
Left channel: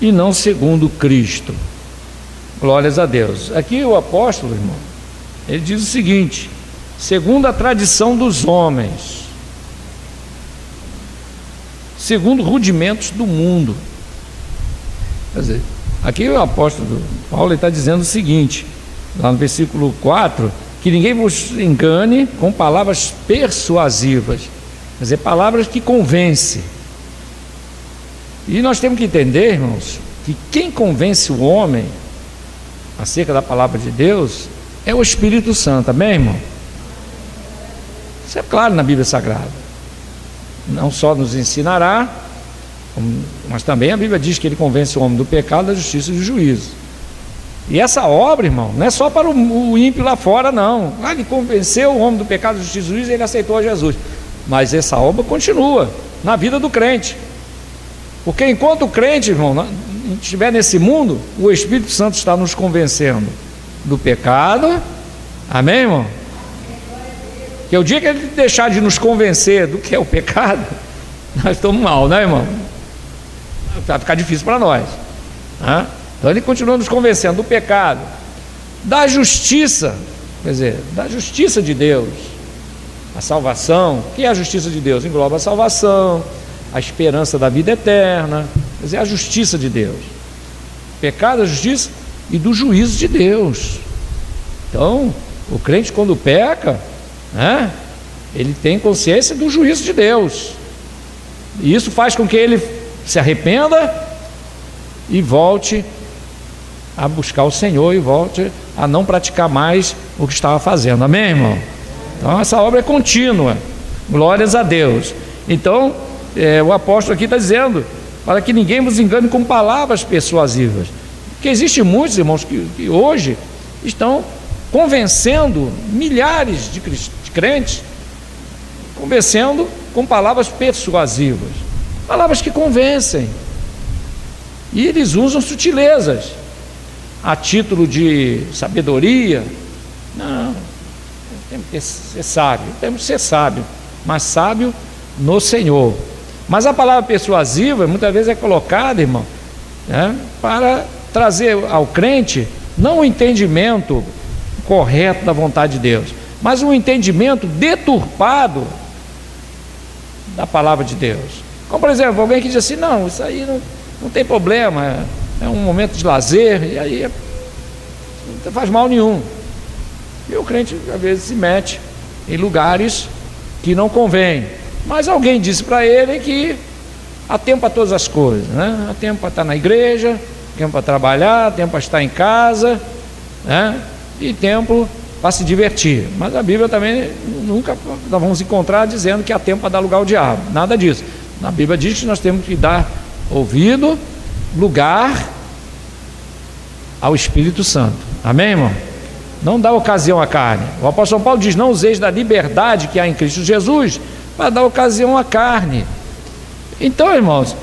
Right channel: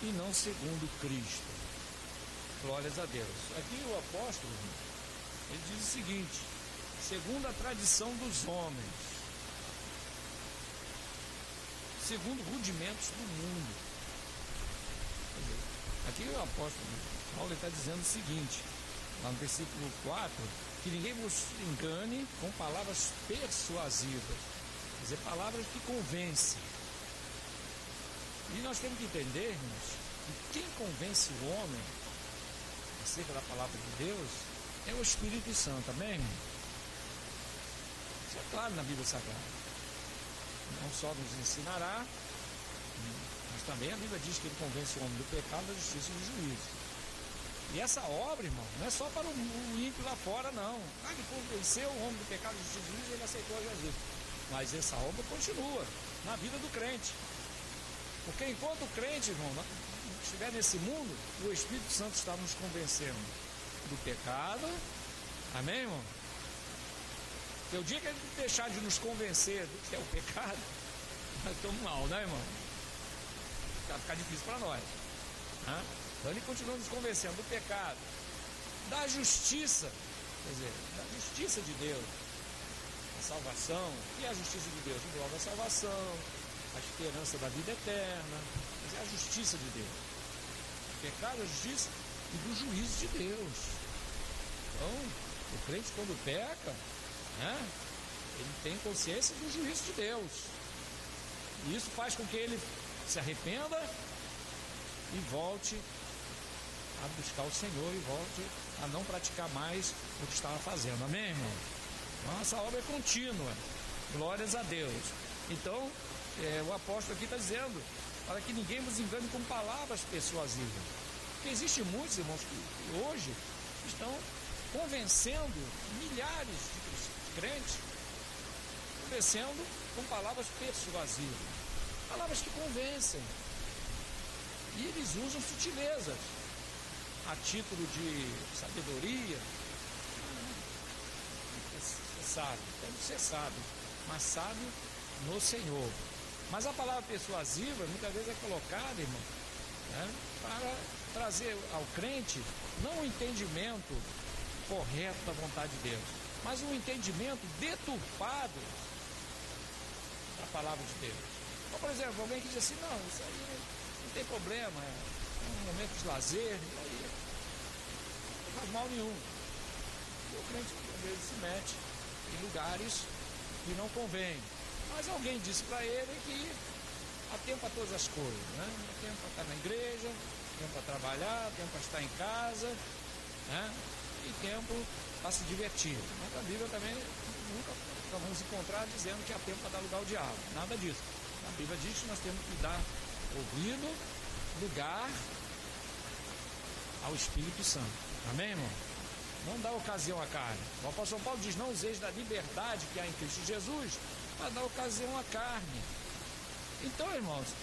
e não segundo Cristo. Glórias a Deus. Aqui o apóstolo, irmão, ele diz o seguinte, segundo a tradição dos homens, segundo rudimentos do mundo. Quer dizer, aqui o apóstolo Paulo está dizendo o seguinte, lá no versículo 4, que ninguém vos engane com palavras persuasivas, quer dizer, palavras que convencem. E nós temos que entender, irmãos, que quem convence o homem acerca da palavra de Deus é o Espírito Santo, amém, irmão? Isso é claro na Bíblia Sagrada. Não só nos ensinará, mas também a Bíblia diz que ele convence o homem do pecado, da justiça e do juízo. E essa obra, irmão, não é só para o ímpio lá fora, não. Ele convenceu o homem do pecado, da justiça e do juízo e ele aceitou a Jesus. Mas essa obra continua na vida do crente. Porque enquanto o crente, irmão, não estiver nesse mundo, o Espírito Santo está nos convencendo do pecado, amém, irmão? Que o dia que ele deixar de nos convencer do que é o pecado, nós estamos mal, né, irmão? Vai ficar difícil para nós, né? Então ele continua nos convencendo do pecado, da justiça, quer dizer, da justiça de Deus, a salvação. O que é a justiça de Deus? Engloba a salvação, a esperança da vida eterna, quer dizer, a justiça de Deus, pecado, a justiça e do juízo de Deus. Então, o crente quando peca, né, ele tem consciência do juízo de Deus, e isso faz com que ele se arrependa e volte a buscar o Senhor e volte a não praticar mais o que estava fazendo, amém, irmão? Então essa obra é contínua, glórias a Deus. Então o apóstolo aqui está dizendo, para que ninguém vos engane com palavras persuasivas, porque existem muitos, irmãos, que hoje estão convencendo milhares de crentes, convencendo com palavras persuasivas, palavras que convencem, e eles usam sutilezas a título de sabedoria. Não, temos que ser sábio, temos que ser sábio, mas sábio no Senhor. Mas a palavra persuasiva muitas vezes é colocada, irmão, né, para trazer ao crente não o entendimento correto da vontade de Deus, mas um entendimento deturpado da palavra de Deus. Como por exemplo, alguém que diz assim, não, isso aí não tem problema, é um momento de lazer, e aí não faz mal nenhum. E o crente às vezes se mete em lugares que não convém, mas alguém disse para ele que há tempo para todas as coisas, né? Há tempo para estar na igreja, tempo para trabalhar, tempo para estar em casa, né? E tempo para se divertir. Mas a Bíblia também nunca nós vamos encontrar dizendo que há tempo para dar lugar ao diabo, nada disso. A Bíblia diz que nós temos que dar ouvido, lugar ao Espírito Santo, amém, irmão? Não dá ocasião à carne. O apóstolo Paulo diz, não useis da liberdade que há em Cristo Jesus para dar ocasião à carne. Então, irmãos,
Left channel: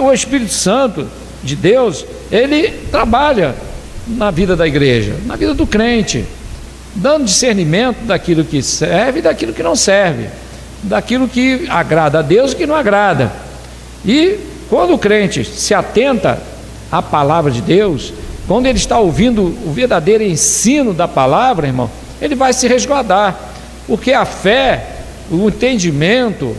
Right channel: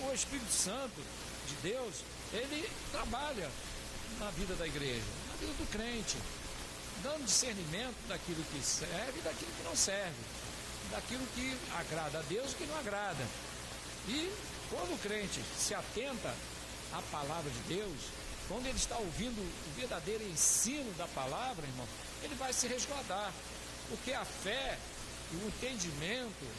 o Espírito Santo de Deus, ele trabalha na vida da igreja, na vida do crente, dando discernimento daquilo que serve e daquilo que não serve, daquilo que agrada a Deus e que não agrada. E quando o crente se atenta à palavra de Deus, quando ele está ouvindo o verdadeiro ensino da palavra, irmão, ele vai se resguardar, porque a fé, o entendimento,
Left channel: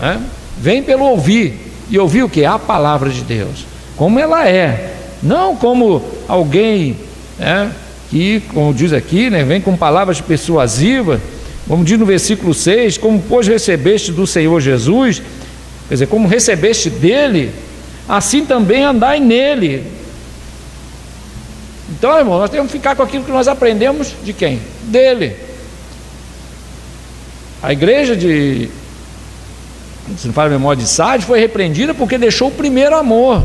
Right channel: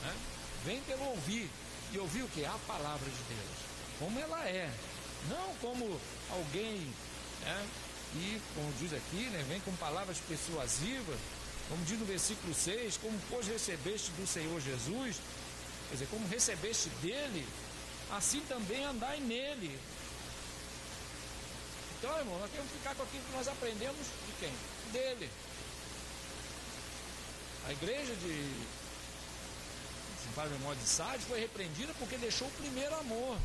né, vem pelo ouvir. E ouvir o que? A palavra de Deus, como ela é, não como alguém, né, que, como diz aqui, né, vem com palavras persuasivas, como diz no versículo 6, como pois recebeste do Senhor Jesus, quer dizer, como recebeste dele, assim também andai nele. Então, irmão, nós temos que ficar com aquilo que nós aprendemos de quem? Dele. A igreja de, se não fala a memória, de Sardes, foi repreendida porque deixou o primeiro amor.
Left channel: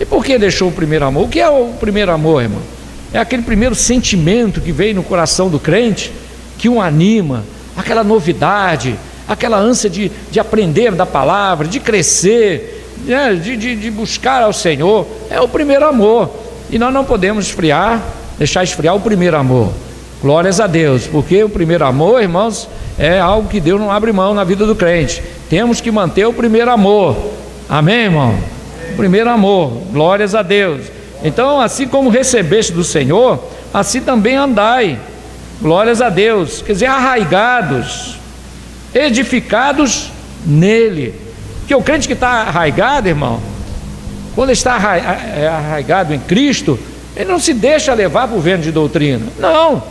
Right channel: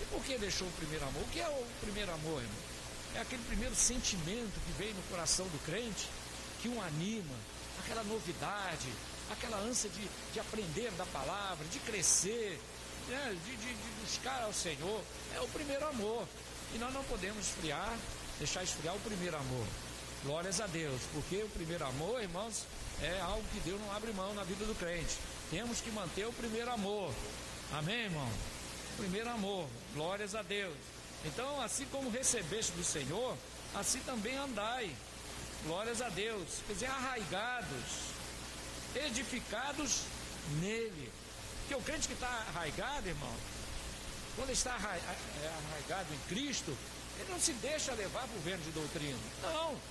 E por que deixou o primeiro amor? O que é o primeiro amor, irmão? É aquele primeiro sentimento que veio no coração do crente, que o anima, aquela novidade, aquela ânsia de aprender da palavra, de crescer, né, de buscar ao Senhor. É o primeiro amor. E nós não podemos deixar esfriar o primeiro amor. Glórias a Deus, porque o primeiro amor, irmãos, é algo que Deus não abre mão na vida do crente. Temos que manter o primeiro amor, amém, irmão? O primeiro amor, glórias a Deus. Então, assim como recebeste do Senhor, assim também andai, glórias a Deus, quer dizer, arraigados, edificados nele. Porque o crente que está arraigado, irmão, quando está arraigado em Cristo, Ele não se deixa levar por vento de doutrina. Não.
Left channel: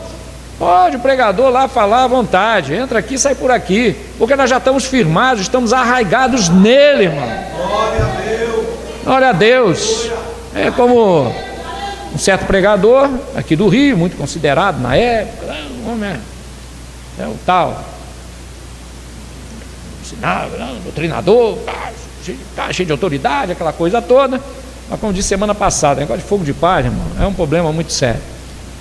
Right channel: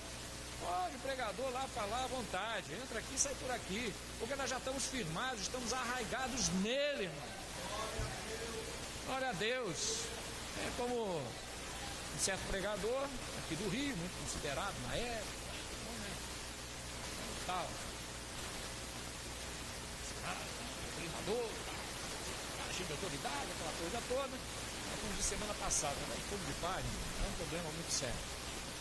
Pode o pregador lá falar à vontade. Entra aqui, sai por aqui. Porque nós já estamos firmados, estamos arraigados nele, irmão. Glória a Deus. Glória a Deus. É como um certo pregador aqui do Rio, muito considerado na época. O homem é o tal. Ensinava, doutrinador, cheio de autoridade, aquela coisa toda. Mas como disse semana passada, negócio de fogo de palha, irmão, é um problema muito sério.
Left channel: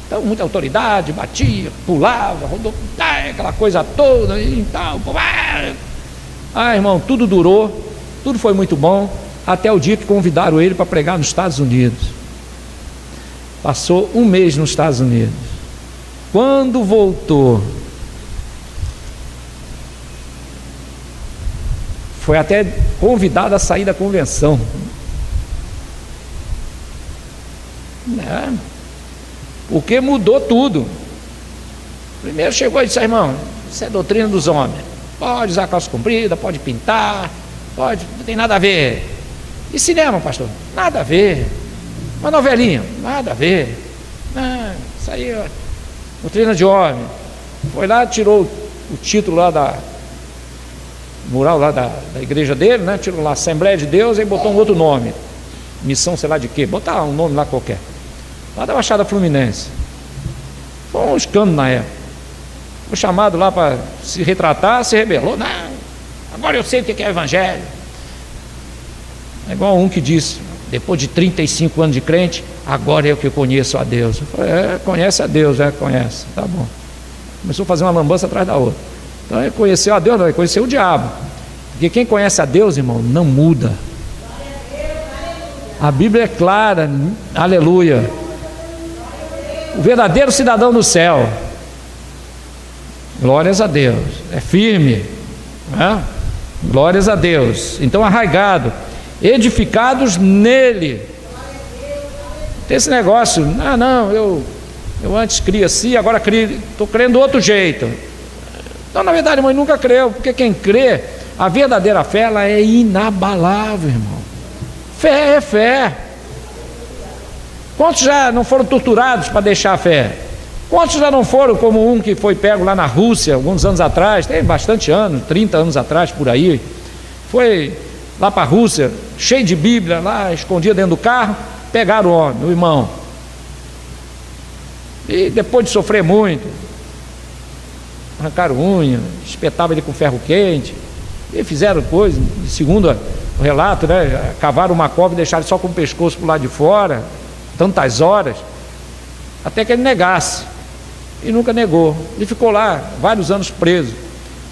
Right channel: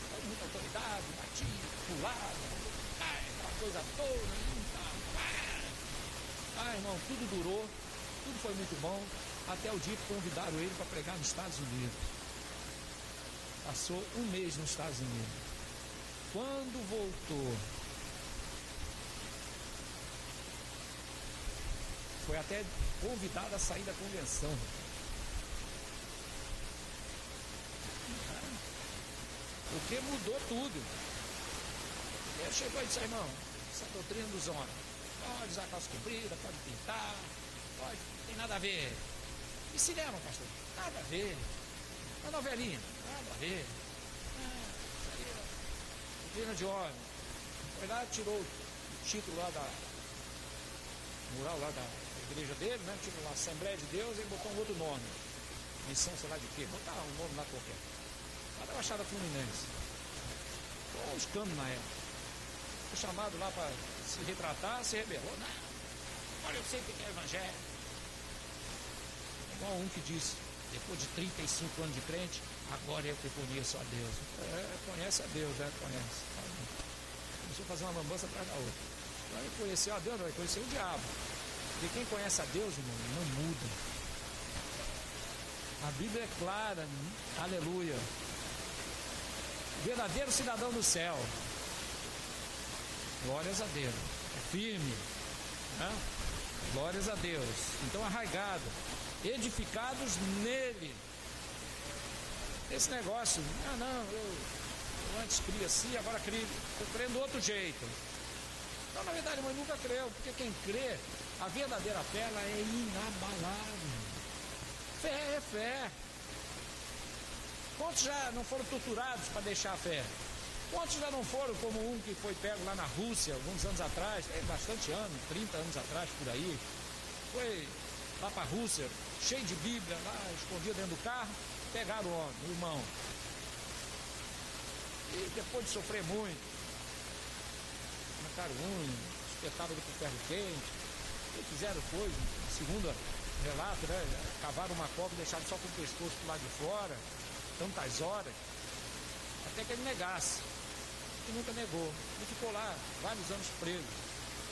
Então, muita autoridade, batia, pulava, rodou, aquela coisa toda e tal. Irmão, tudo durou, tudo foi muito bom, até o dia que convidaram ele para pregar nos Estados Unidos. Passou um mês nos Estados Unidos. Quando voltou, foi até convidado a sair da convenção. Porque mudou tudo. Primeiro chegou e disse: irmão, isso é doutrina dos homens. Pode usar calça comprida, pode pintar, pode, não tem nada a ver. E cinema, pastor? Nada a ver. Uma novelinha? Nada a ver. Isso aí é doutrina de homem. Foi lá, tirou o título lá da mural lá da igreja dele, né? Tirou lá Assembleia de Deus e botou um outro nome. Missão sei lá de quê, botar um nome lá qualquer. Lá da Baixada Fluminense. Foi um escândalo na época. Foi chamado lá para se retratar, se rebelou. Não, agora eu sei o que é evangelho. É igual um que disse, depois de 35 anos de crente, agora é o que eu conheço a Deus. Eu falei, conhece a Deus, conhece, tá bom. Começou a fazer uma lambança atrás da outra. Então ele conheceu a Deus, não, ele conheceu o diabo. Porque quem conhece a Deus, irmão, não muda. A Bíblia é clara, aleluia. O verdadeiro cidadão do céu, glórias a Deus, é firme, né? Glórias a Deus. Então, arraigado, edificados nele. Tem esse negócio, eu antes cria assim, agora estou crendo do outro jeito. Então, na verdade, irmão, nunca creu, porque quem crê, a verdadeira fé, ela é inabalável, irmão. Fé é fé. Quantos já não foram torturados para deixar a fé? Quantos já não foram como um que foi pego lá na Rússia, alguns anos atrás, tem bastante anos, 30 anos atrás, por aí, foi lá para a Rússia, cheio de Bíblia, lá, escondia dentro do carro, pegaram o homem, o irmão. E depois de sofrer muito, arrancaram unha, espetavam ele com ferro quente, e fizeram coisa, segundo o relato, né, cavaram uma cova e deixaram só com o pescoço para o lado de fora, tantas horas, até que ele negasse, e nunca negou. Ele ficou lá vários anos preso.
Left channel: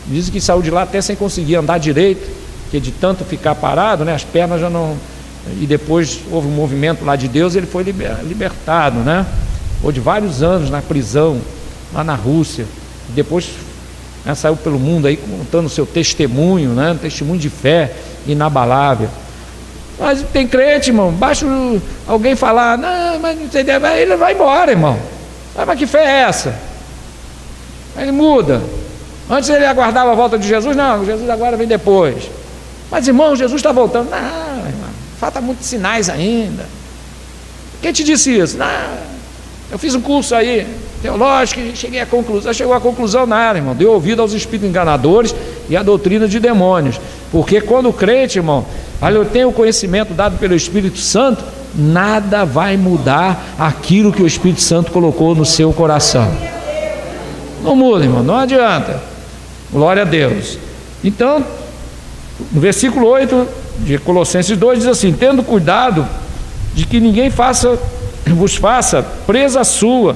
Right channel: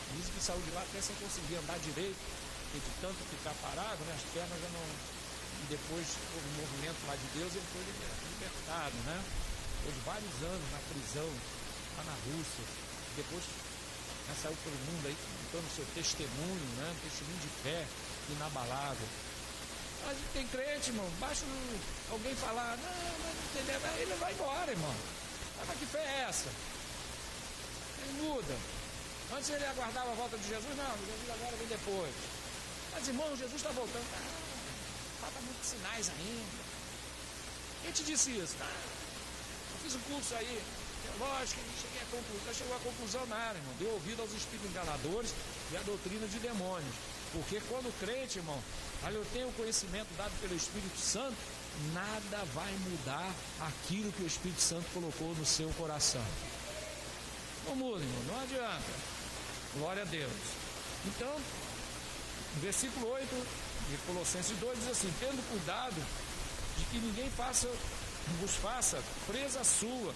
Dizem que saiu de lá até sem conseguir andar direito, porque de tanto ficar parado, né, as pernas já não... E depois houve um movimento lá de Deus e ele foi libertado, né? Ficou de vários anos na prisão, lá na Rússia. Depois, né, saiu pelo mundo aí contando o seu testemunho, né? Um testemunho de fé inabalável. Mas tem crente, irmão, basta alguém falar, não, mas não tem ideia, ele vai embora, irmão. Mas que fé é essa? Ele muda. Antes ele aguardava a volta de Jesus, não, Jesus agora vem depois. Mas, irmão, Jesus está voltando. Não, irmão, falta muitos sinais ainda. Quem te disse isso? Não, eu fiz um curso aí, teológico, e cheguei à conclusão. Chegou à conclusão nada, irmão. Deu ouvido aos espíritos enganadores e à doutrina de demônios. Porque quando o crente, irmão, olha, eu tenho o conhecimento dado pelo Espírito Santo, nada vai mudar aquilo que o Espírito Santo colocou no seu coração. Não muda, irmão, não adianta. Glória a Deus. Então, no versículo 8 de Colossenses 2 diz assim: tendo cuidado de que ninguém vos faça presa sua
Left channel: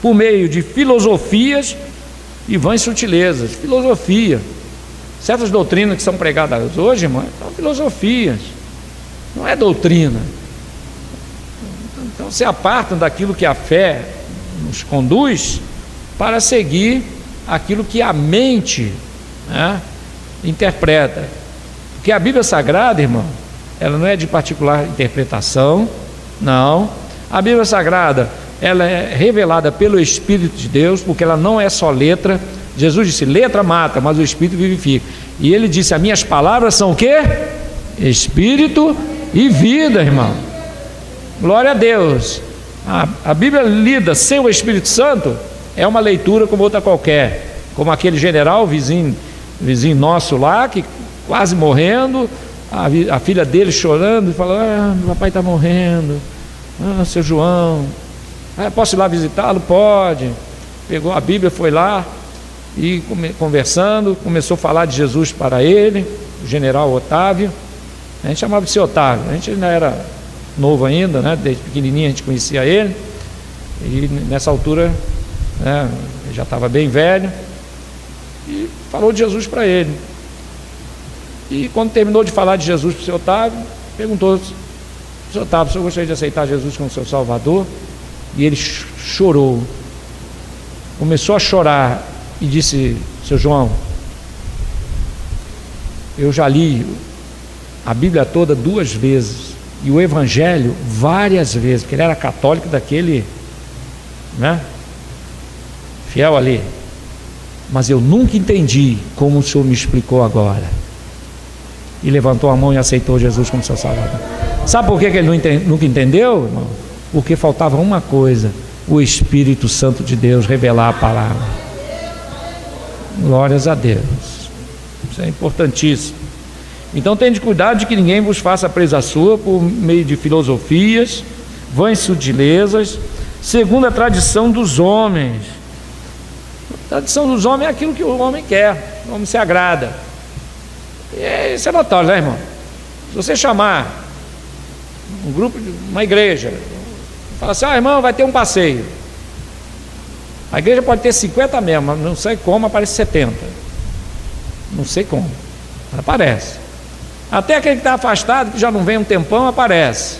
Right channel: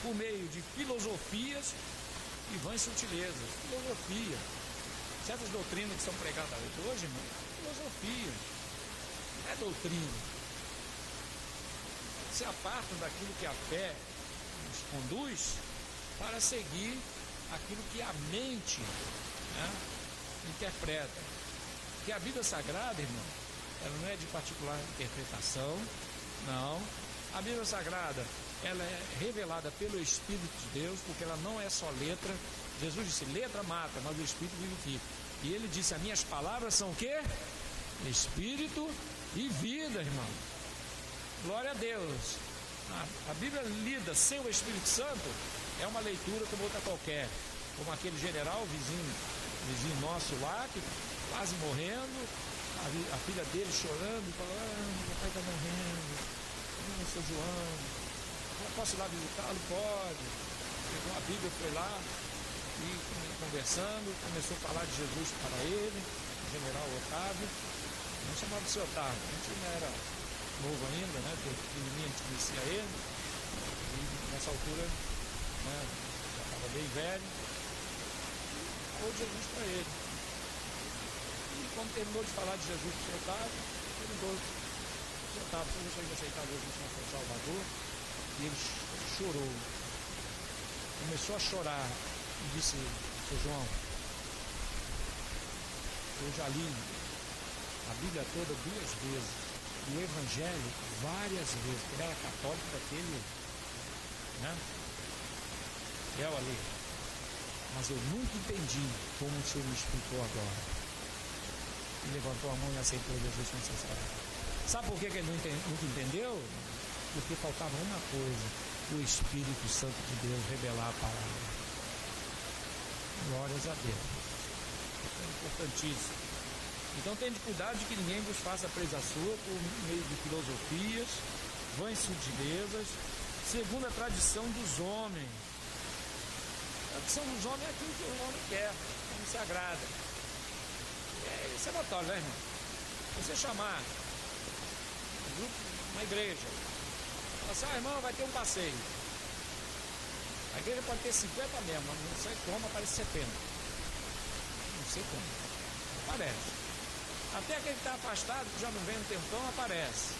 por meio de filosofias e vãs sutilezas. Filosofia. Certas doutrinas que são pregadas hoje, irmão, são filosofias, não é doutrina. Então se apartam daquilo que a fé nos conduz para seguir aquilo que a mente, né, interpreta. Porque a Bíblia Sagrada, irmão, ela não é de particular interpretação, não. A Bíblia Sagrada, ela é revelada pelo Espírito de Deus, porque ela não é só letra. Jesus disse, letra mata, mas o Espírito vivifica. E ele disse, as minhas palavras são o quê? Espírito e vida, irmão. Glória a Deus. A Bíblia lida sem o Espírito Santo é uma leitura como outra qualquer. Como aquele general, vizinho nosso lá, que quase morrendo, a filha dele chorando e falando: meu papai está morrendo, seu João, posso ir lá visitá-lo? Pode. Pegou a Bíblia, foi lá e conversando, começou a falar de Jesus para ele, o general Otávio. A gente chamava de seu Otávio, a gente ainda era novo ainda, né? Desde pequenininho a gente conhecia ele, e nessa altura, né, já estava bem velho, e falou de Jesus para ele. E quando terminou de falar de Jesus para o seu Otávio, perguntou: seu Otávio, o senhor gostaria de aceitar Jesus como seu Salvador? E ele chorou, começou a chorar e disse: seu João, eu já li a Bíblia toda 2 vezes e o Evangelho várias vezes, porque ele era católico daquele, né, fiel ali, mas eu nunca entendi como o senhor me explicou agora. E levantou a mão e aceitou Jesus como seu Salvador. Sabe por que ele nunca entendeu, irmão? Porque faltava uma coisa: o Espírito Santo de Deus revelar a palavra. Glórias a Deus. Isso é importantíssimo. Então tende cuidado de que ninguém vos faça presa sua por meio de filosofias, vãs sutilezas, segundo a tradição dos homens. A tradição dos homens é aquilo que o homem quer, o homem se agrada. E isso é notório, né, irmão? Se você chamar um grupo, uma igreja, fala assim: irmão, vai ter um passeio. A igreja pode ter 50 mesmo, mas não sei como aparece 70. Não sei como, mas aparece. Até aquele que está afastado, que já não vem um tempão, aparece.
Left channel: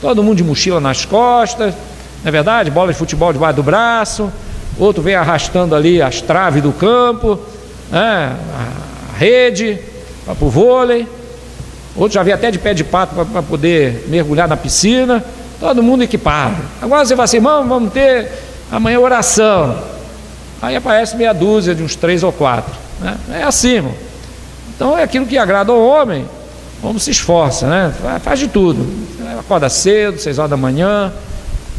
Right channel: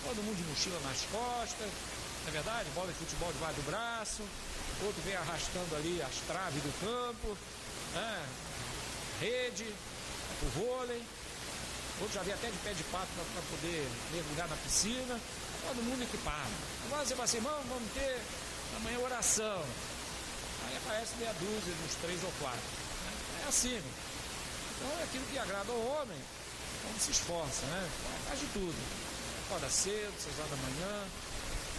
Todo mundo de mochila nas costas, não é verdade? Bola de futebol debaixo do braço. Outro vem arrastando ali as traves do campo, a rede para o vôlei. Outro já vem até de pé de pato para poder mergulhar na piscina. Todo mundo equipado. Agora você fala assim: irmão, vamos ter amanhã oração. Aí aparece meia dúzia de uns 3 ou 4, né? É assim, irmão. Então é aquilo que agrada ao homem, como se esforça, né? Faz de tudo, acorda cedo, 6 horas da manhã,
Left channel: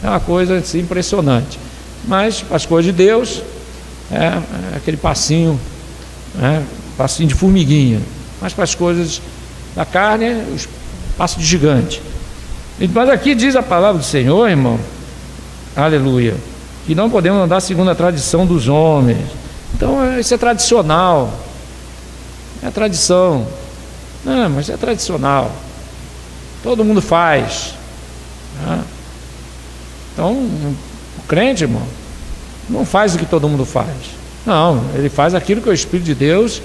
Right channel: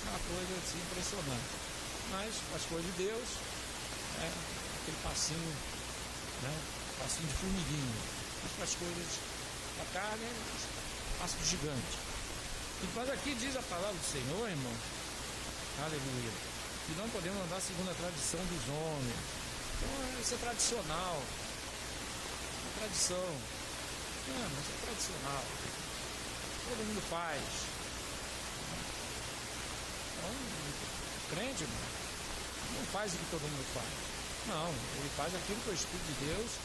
é uma coisa assim, impressionante. Mas para as coisas de Deus é aquele passinho, né? Passinho de formiguinha. Mas para as coisas da carne é o passo de gigante. Mas aqui diz a palavra do Senhor, irmão, aleluia, que não podemos andar segundo a tradição dos homens. Então isso é tradicional. É tradição. Não, mas é tradicional. Todo mundo faz, né? Então, o crente, irmão, não faz o que todo mundo faz. Não, ele faz aquilo que o Espírito de Deus,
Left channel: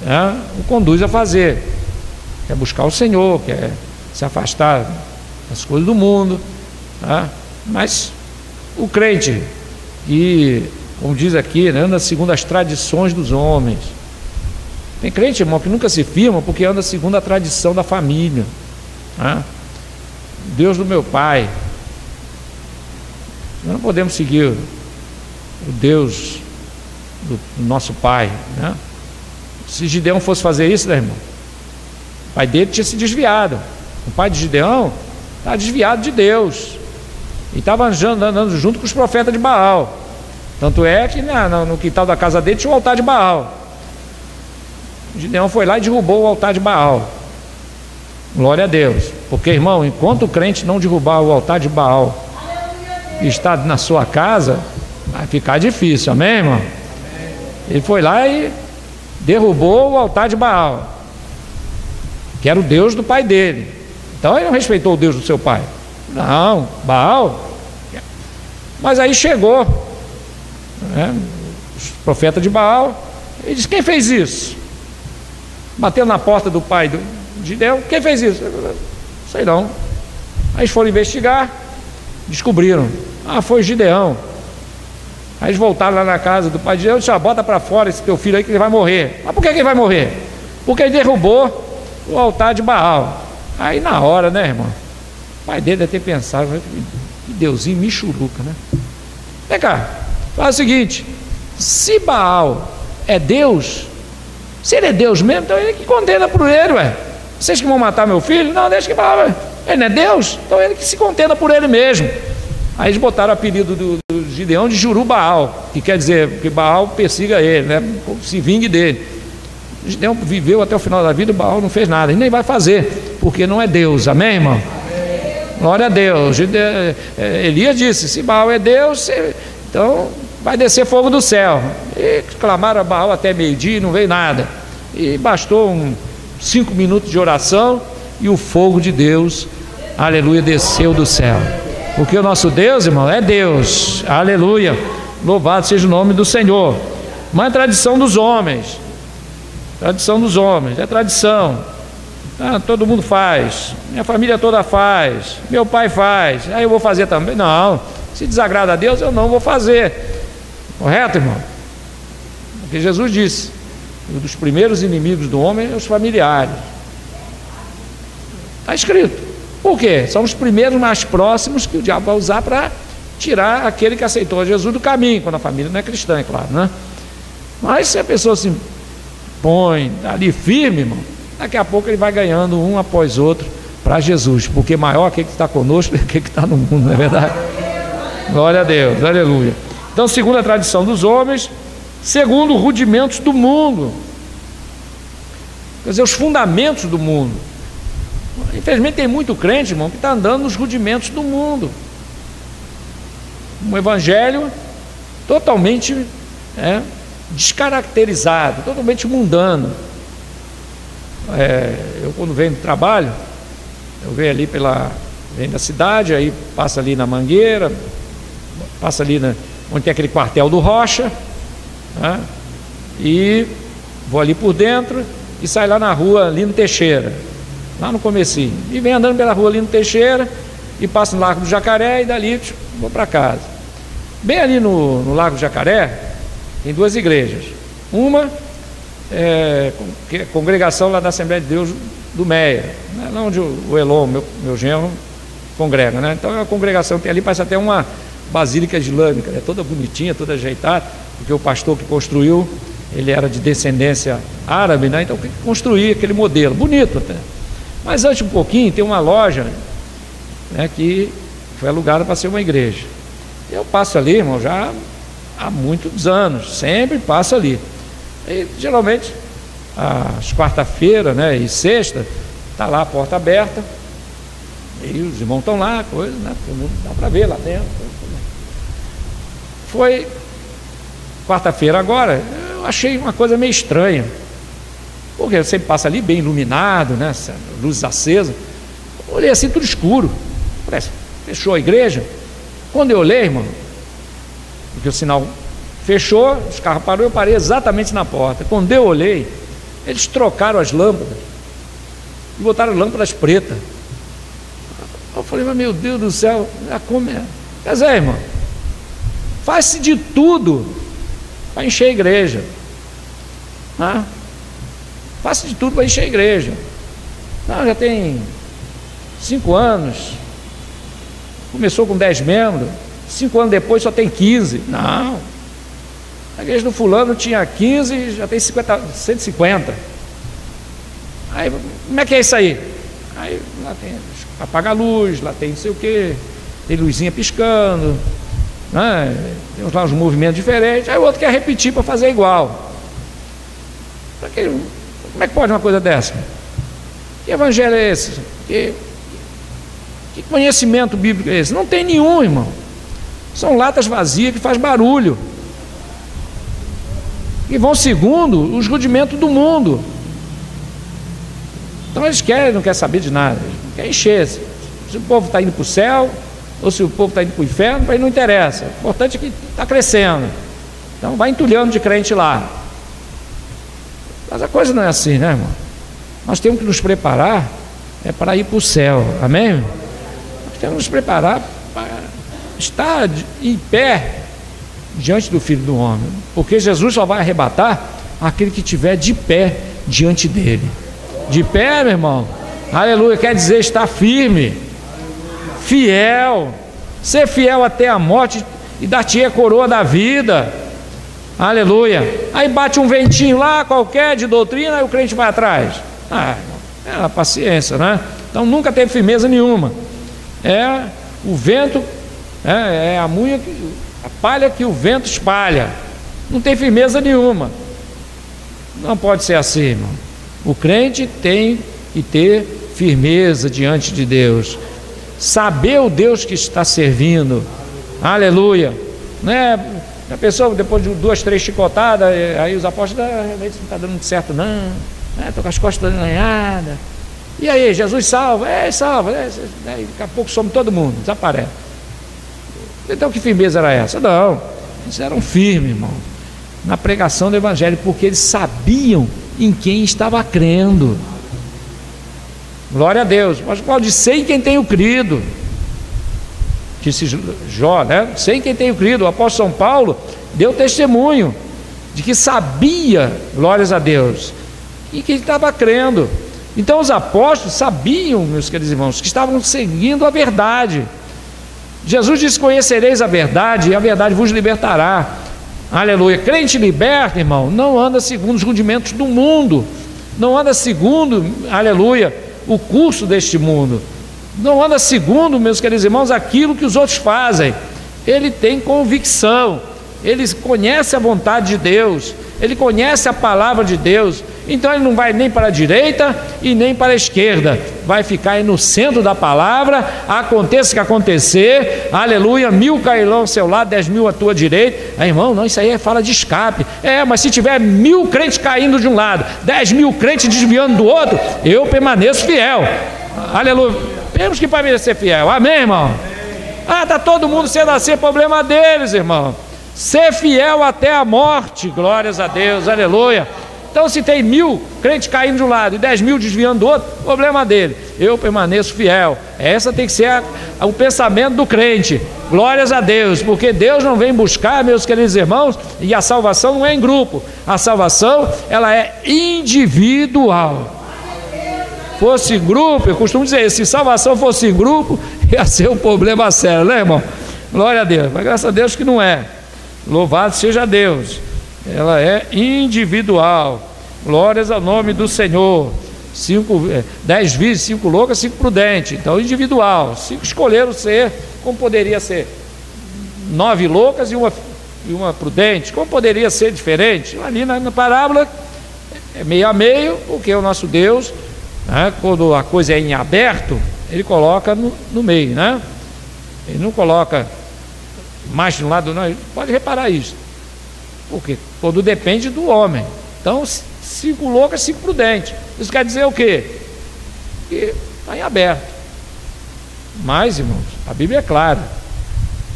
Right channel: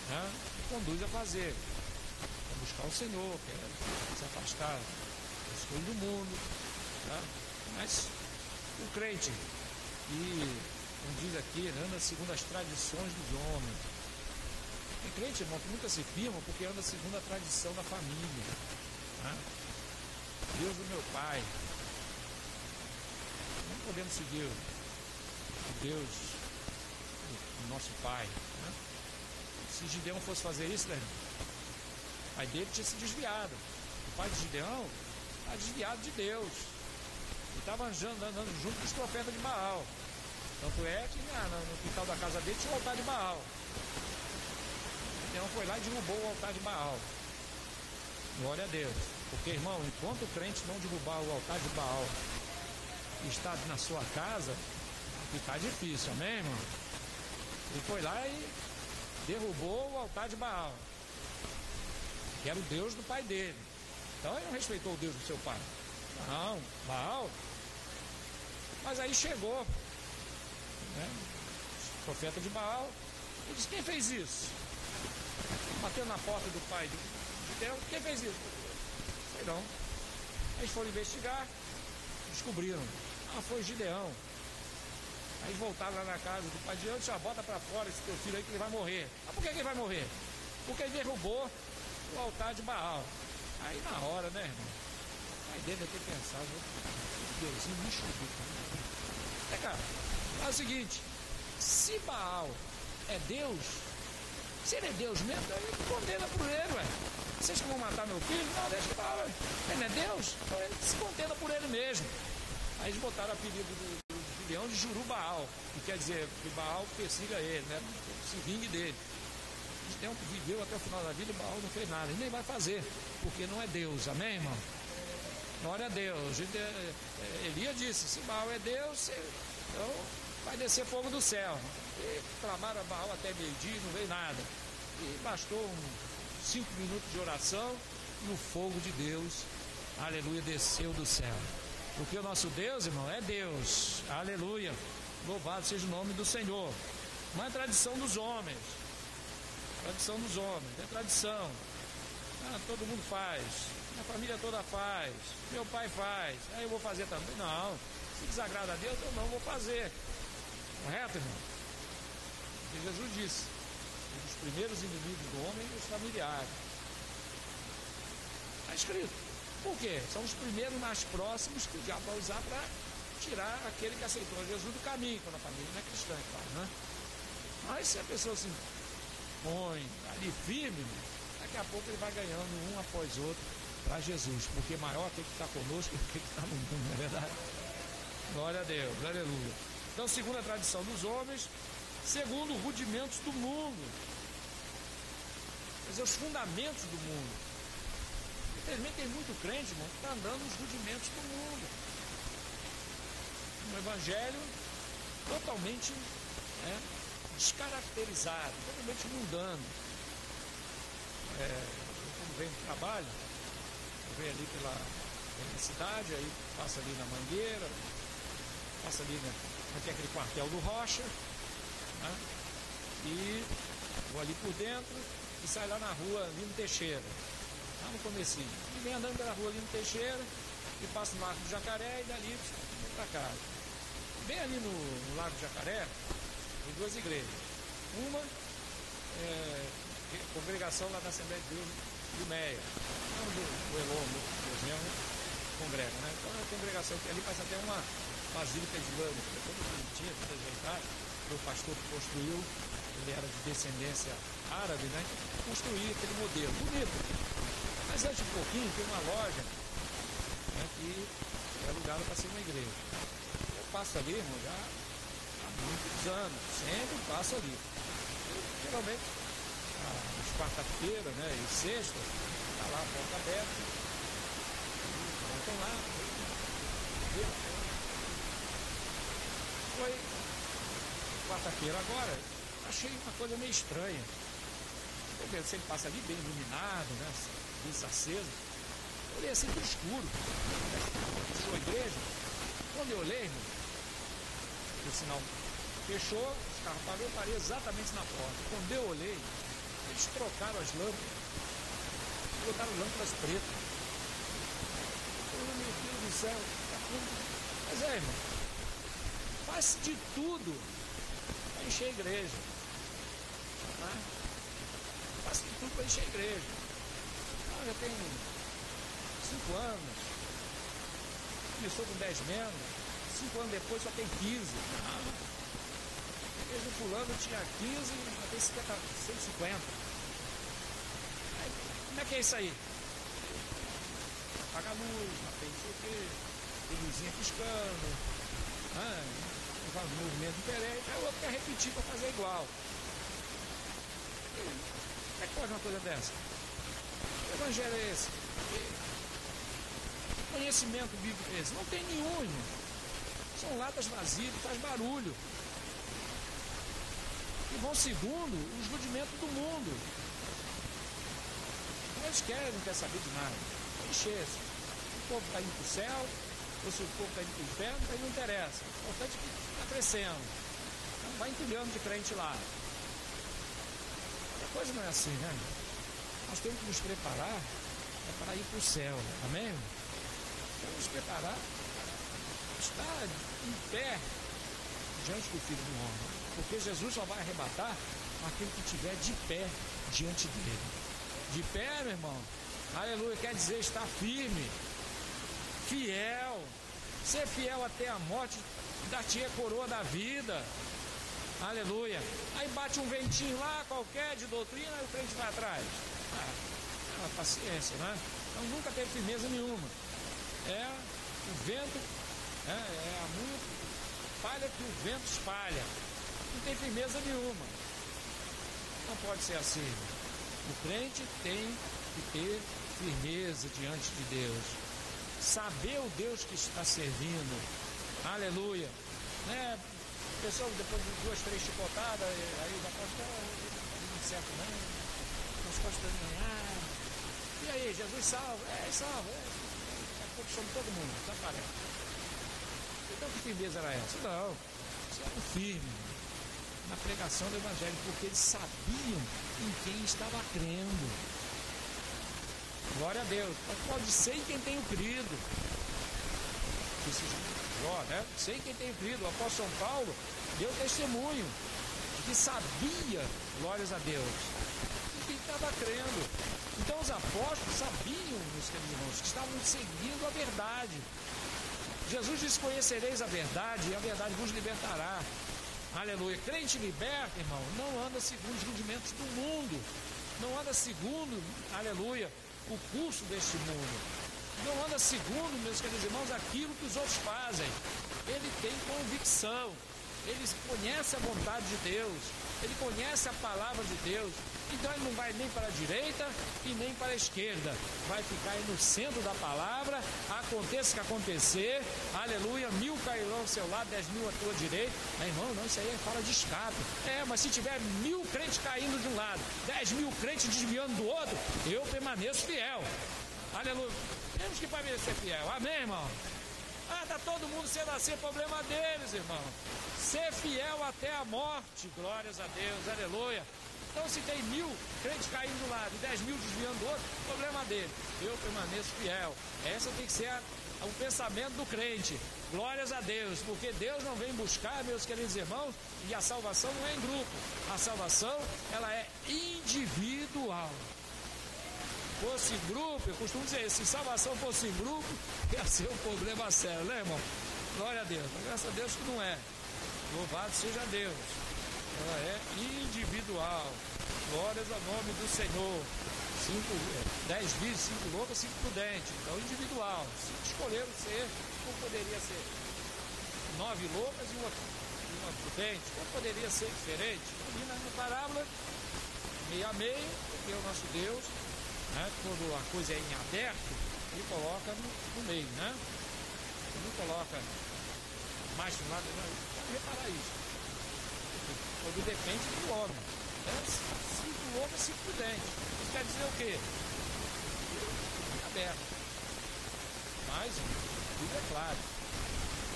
né, o conduz a fazer. Quer buscar o Senhor, quer se afastar das coisas do mundo, né? Mas o crente, que, como diz aqui, né, anda segundo as tradições dos homens. Tem crente, irmão, que nunca se firma porque anda segundo a tradição da família, né? Deus do meu pai. Nós não podemos seguir o Deus do nosso pai, né? Se Gideão fosse fazer isso, né, irmão? O pai dele tinha se desviado. O pai de Gideão estava desviado de Deus e estava andando junto com os profetas de Baal. Tanto é que no quintal da casa dele tinha um altar de Baal. Gideão foi lá e derrubou o altar de Baal. Glória a Deus. Porque, irmão, enquanto o crente não derrubar o altar de Baal e está na sua casa, vai ficar difícil, amém, irmão? Ele foi lá e derrubou o altar de Baal, que era o Deus do pai dele. Então ele não respeitou o Deus do seu pai. Não, Baal. Mas aí chegou, né, os profetas de Baal, e disse: quem fez isso? Bateu na porta do pai de Gideão: quem fez isso? Sei não. Aí eles foram investigar, descobriram: foi Gideão. Aí eles voltaram lá na casa do pai de Gideão e disseram: bota para fora esse teu filho aí que ele vai morrer. Mas por que ele vai morrer? Porque ele derrubou o altar de Baal. Aí na hora, né, irmão, o pai dele deve ter pensado: que Deusinho michuruca, né? Vem cá, faz o seguinte: se Baal é Deus, se ele é Deus mesmo, então ele que condena por ele, ué. Vocês que vão matar meu filho? Não, deixa que Baal, ué. Ele não é Deus? Então ele que se contenda por ele mesmo. Aí eles botaram o apelido do Gideão de Jurubaal, que quer dizer que Baal persiga ele, né? Se vingue dele. Gideão viveu até o final da vida, Baal não fez nada, e nem vai fazer, porque não é Deus, amém, irmão? Glória a Deus. Elias disse: se Baal é Deus, então vai descer fogo do céu. E clamaram a Baal até meio-dia e não veio nada, e bastou 5 minutos de oração e o fogo de Deus, aleluia, desceu do céu. Porque o nosso Deus, irmão, é Deus, aleluia, louvado seja o nome do Senhor. Mas é tradição dos homens, é tradição. Todo mundo faz, minha família toda faz, meu pai faz, aí eu vou fazer também. Não, se desagrada a Deus, eu não vou fazer. Correto, irmão? Porque Jesus disse: um dos primeiros inimigos do homem é os familiares. Está escrito. Por quê? São os primeiros mais próximos que o diabo vai usar para tirar aquele que aceitou Jesus do caminho, quando a família não é cristã, é claro, né? Mas se a pessoa se põe ali firme, irmão, daqui a pouco ele vai ganhando um após outro para Jesus, porque maior aquele que está conosco do que aquele que está no mundo, não é verdade? Glória a Deus, aleluia. Então, segundo a tradição dos homens, segundo rudimentos do mundo, quer dizer, os fundamentos do mundo. Infelizmente tem muito crente, irmão, que está andando nos rudimentos do mundo. Um evangelho totalmente descaracterizado, totalmente mundano. Eu quando venho do trabalho, eu venho ali venho da cidade, aí passa ali na Mangueira, passa ali onde tem aquele quartel do Rocha, né? E vou ali por dentro e saio lá na rua Lino Teixeira, lá no comecinho, e venho andando pela rua Lino Teixeira e passo no Largo do Jacaré e dali vou para casa. Bem ali no Largo do Jacaré tem 2 igrejas. Uma é a congregação lá da Assembleia de Deus do Meia, né? Lá onde o Elon, meu genro, congrega, né? Então a congregação que tem ali parece até uma basílica islâmica, né? Toda bonitinha, toda ajeitada, porque o pastor que construiu, ele era de descendência árabe, né? Então construiu aquele modelo, bonito até. Mas antes um pouquinho tem uma loja, né, que foi alugada para ser uma igreja. Eu passo ali, irmão, já há muitos anos, sempre passo ali. E geralmente às quarta-feira, né, e sexta, está lá a porta aberta, e os irmãos estão lá, coisa, né, dá para ver lá dentro. Foi quarta-feira agora, eu achei uma coisa meio estranha, porque eu sempre passo ali bem iluminado, né, luzes acesas. Olhei assim, tudo escuro. Parece, fechou a igreja. Quando eu olhei, irmão, porque o sinal fechou, os carros pararam, eu parei exatamente na porta. Quando eu olhei, eles trocaram as lâmpadas e botaram lâmpadas pretas. Eu falei: mas meu Deus do céu, como é? Quer dizer, irmão, faz-se de tudo para encher a igreja, né? Faz-se de tudo para encher a igreja. Não, já tem 5 anos, começou com 10 membros, 5 anos depois só tem 15. Não, a igreja do fulano tinha 15, já tem 150. Aí, como é que é isso aí? Aí lá tem, apaga a luz, lá tem não sei o que, tem luzinha piscando, né? Tem lá uns movimentos diferentes. Aí o outro quer repetir para fazer igual. Como é que pode uma coisa dessa? Que evangelho é esse? Que conhecimento bíblico é esse? Não tem nenhum, irmão. São latas vazias que faz barulho, e vão segundo os rudimentos do mundo. Então eles não querem saber de nada, eles não querem encher. Se o povo está indo para o céu ou se o povo está indo para o inferno, para ele não interessa. O importante é que está crescendo. Então vai entulhando de crente lá. Mas a coisa não é assim, né, irmão? Nós temos que nos preparar para ir para o céu, amém? Nós temos que nos preparar para estar em pé diante do Filho do Homem, porque Jesus só vai arrebatar aquele que estiver de pé diante dele. De pé, meu irmão, aleluia, quer dizer estar firme, fiel, ser fiel até a morte, e dar-te a coroa da vida. Aleluia. Aí bate um ventinho lá qualquer de doutrina, aí o crente vai atrás. É a paciência, né? Então nunca teve firmeza nenhuma. É o vento, é a munha, a palha que o vento espalha. Não tem firmeza nenhuma. Não pode ser assim, irmão. O crente tem que ter firmeza diante de Deus, saber o Deus que está servindo. Aleluia. Né? A pessoa, depois de 2, 3 chicotadas, aí os apóstolos, realmente não está dando muito certo não, estou com as costas arranhadas. E aí, Jesus salva? Salva. Daqui a pouco some todo mundo, desaparece. Então que firmeza era essa? Não, eles eram firmes, irmão, na pregação do Evangelho, porque eles sabiam em quem estava crendo. Glória a Deus. Mas Paulo disse: sei em quem tenho crido. Disse Jó, né? Sei em quem tenho crido. O apóstolo São Paulo deu testemunho de que sabia, glórias a Deus, e que ele estava crendo. Então os apóstolos sabiam, meus queridos irmãos, que estavam seguindo a verdade. Jesus disse: conhecereis a verdade e a verdade vos libertará. Aleluia. Crente liberto, irmão, não anda segundo os rudimentos do mundo, não anda segundo, aleluia, o curso deste mundo, não anda segundo, meus queridos irmãos, aquilo que os outros fazem. Ele tem convicção, ele conhece a vontade de Deus, ele conhece a palavra de Deus. Então ele não vai nem para a direita e nem para a esquerda, vai ficar aí no centro da palavra, aconteça o que acontecer, aleluia, 1000 cairão ao seu lado, 10.000 à tua direita. Irmão, não, isso aí é fala de escape. Mas se tiver 1000 crentes caindo de um lado, 10.000 crentes desviando do outro, eu permaneço fiel. Aleluia. Temos que permanecer fiel, amém, irmão? Está todo mundo sendo assim, problema deles, irmão. Ser fiel até a morte, glórias a Deus, aleluia. Então se tem 1000 crentes caindo de um lado e 10.000 desviando do outro, problema dele. Eu permaneço fiel. Essa tem que ser o pensamento do crente. Glórias a Deus, porque Deus não vem buscar, meus queridos irmãos, e a salvação não é em grupo. A salvação, ela é individual. Fosse grupo, eu costumo dizer, se salvação fosse em grupo, ia ser um problema sério, né, irmão? Glória a Deus, mas graças a Deus que não é. Louvado seja Deus. Ela é individual. Glórias ao nome do Senhor. 10 virgens, 5 loucas, 5 prudentes. Então individual. 5 escolheram ser, como poderia ser 9 loucas e uma prudente. Como poderia ser diferente? Ali na parábola é meio a meio, porque o nosso Deus, né, quando a coisa é em aberto, ele coloca no meio, né? Ele não coloca mais de um lado, não. Pode reparar isso. Porque tudo depende do homem. Então 5 loucas, 5 prudentes. Isso quer dizer o quê? Que está em aberto. Mas, irmãos, a Bíblia é clara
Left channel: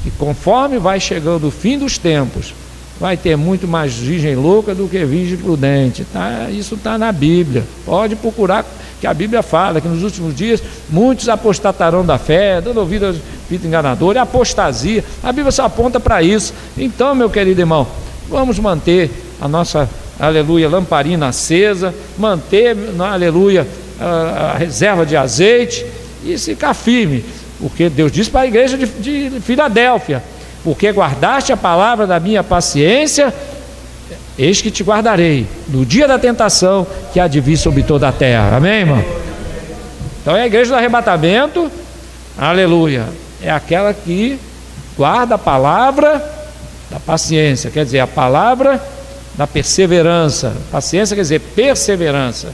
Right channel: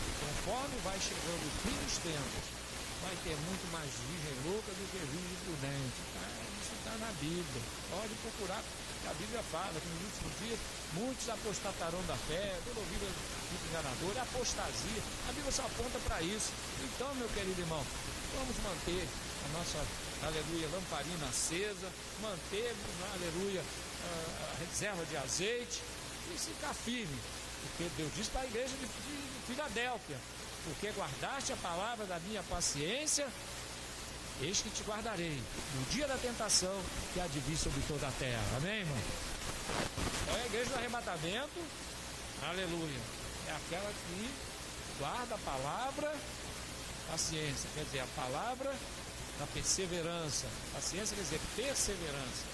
que conforme vai chegando o fim dos tempos, vai ter muito mais virgem louca do que virgem prudente. Isso está na Bíblia. Pode procurar, que a Bíblia fala que nos últimos dias muitos apostatarão da fé, dando ouvido ao espírito enganador, é apostasia. A Bíblia só aponta para isso. Então, meu querido irmão, vamos manter a nossa, aleluia, lamparina acesa, manter, aleluia, a reserva de azeite e ficar firme, porque Deus diz para a igreja de Filadélfia: porque guardaste a palavra da minha paciência, eis que te guardarei no dia da tentação que há de vir sobre toda a terra. Amém, irmão? Então é a igreja do arrebatamento, aleluia, é aquela que guarda a palavra da paciência, quer dizer, a palavra da perseverança. Paciência quer dizer perseverança.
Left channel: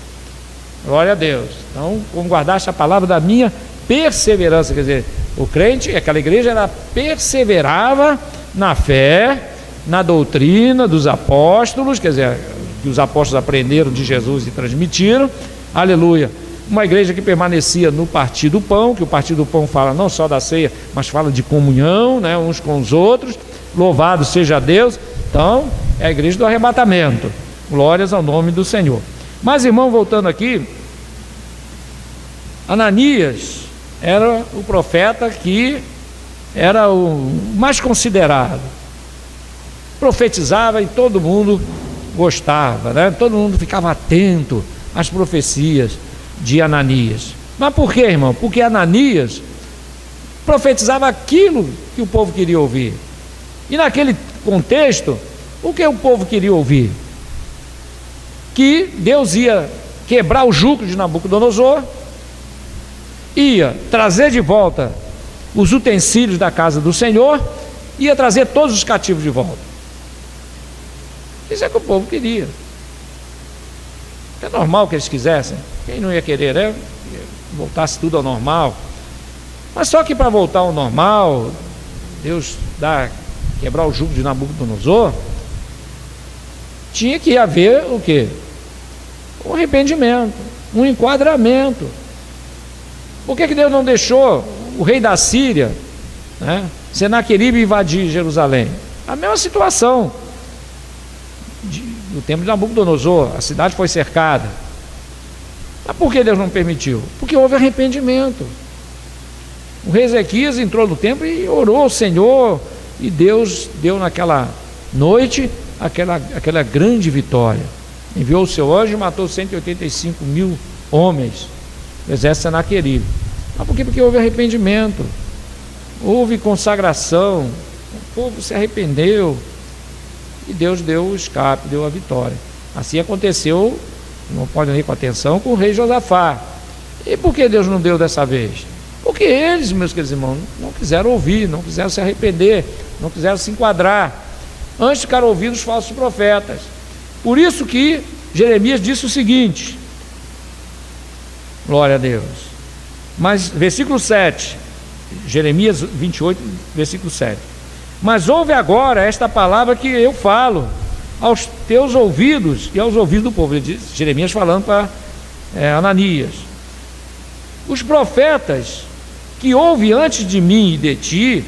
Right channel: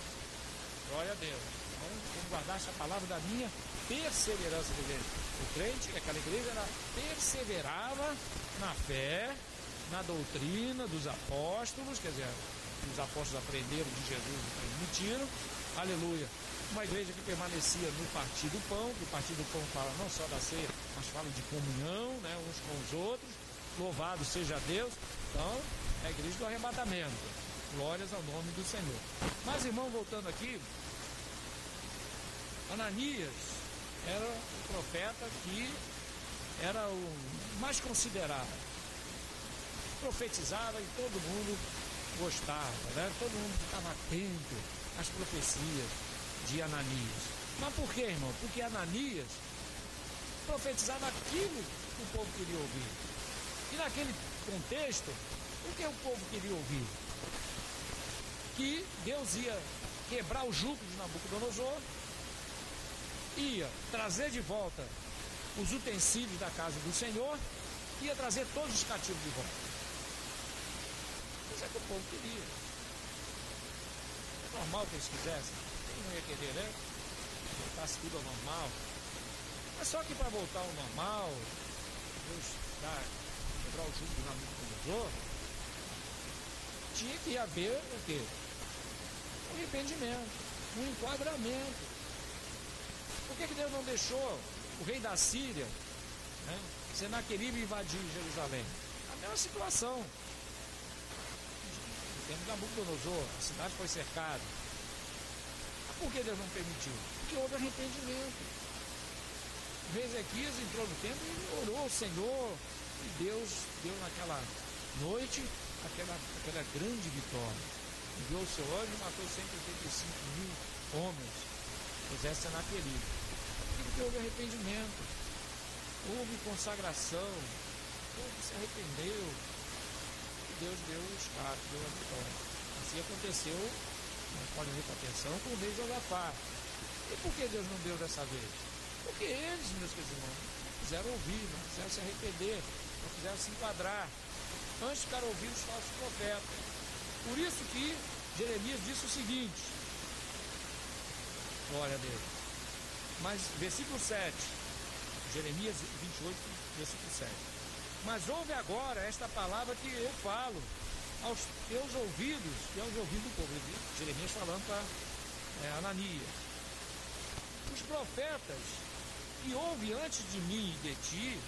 Glória a Deus. Então, como guardaste a palavra da minha perseverança, quer dizer, o crente, aquela igreja, ela perseverava na fé, na doutrina dos apóstolos, quer dizer, que os apóstolos aprenderam de Jesus e transmitiram, aleluia. Uma igreja que permanecia no partir do pão, que o partir do pão fala não só da ceia, mas fala de comunhão, né, uns com os outros. Louvado seja Deus. Então é a igreja do arrebatamento. Glórias ao nome do Senhor. Mas, irmão, voltando aqui, Ananias era o profeta que era o mais considerado, profetizava e todo mundo gostava, né? Todo mundo ficava atento às profecias de Ananias. Mas por quê, irmão? Porque Ananias profetizava aquilo que o povo queria ouvir. E naquele contexto, o que o povo queria ouvir? Que Deus ia quebrar o jugo de Nabucodonosor, ia trazer de volta os utensílios da casa do Senhor, ia trazer todos os cativos de volta. Isso é que o povo queria. É normal que eles quisessem. Quem não ia querer, né? Voltasse tudo ao normal. Mas só que para voltar ao normal, Deus quebrar o jugo de Nabucodonosor, tinha que haver o quê? Um arrependimento, um enquadramento. Por que Deus não deixou o rei da Síria, né, Senaqueribe, invadir Jerusalém? A mesma situação no tempo de Nabucodonosor, a cidade foi cercada. Mas por que Deus não permitiu? Porque houve arrependimento. O rei Ezequias entrou no templo e orou ao Senhor, e Deus deu naquela noite aquela grande vitória. Enviou o seu anjo e matou 185.000 homens do exército de Senaqueribe. Mas por quê? Porque houve arrependimento, houve consagração, o povo se arrependeu e Deus deu o escape, deu a vitória. Assim aconteceu, não pode ir com atenção, com o rei Josafá. E por que Deus não deu dessa vez? Porque eles, meus queridos irmãos, não quiseram ouvir, não quiseram se arrepender, não quiseram se enquadrar. Antes ficaram ouvindo os falsos profetas. Por isso que Jeremias disse o seguinte, glória a Deus. Mas, versículo 7, Jeremias 28, versículo 7. Mas ouve agora esta palavra que eu falo aos teus ouvidos e aos ouvidos do povo. Ele diz, Jeremias falando para Ananias. Os profetas que houve antes de mim e de ti,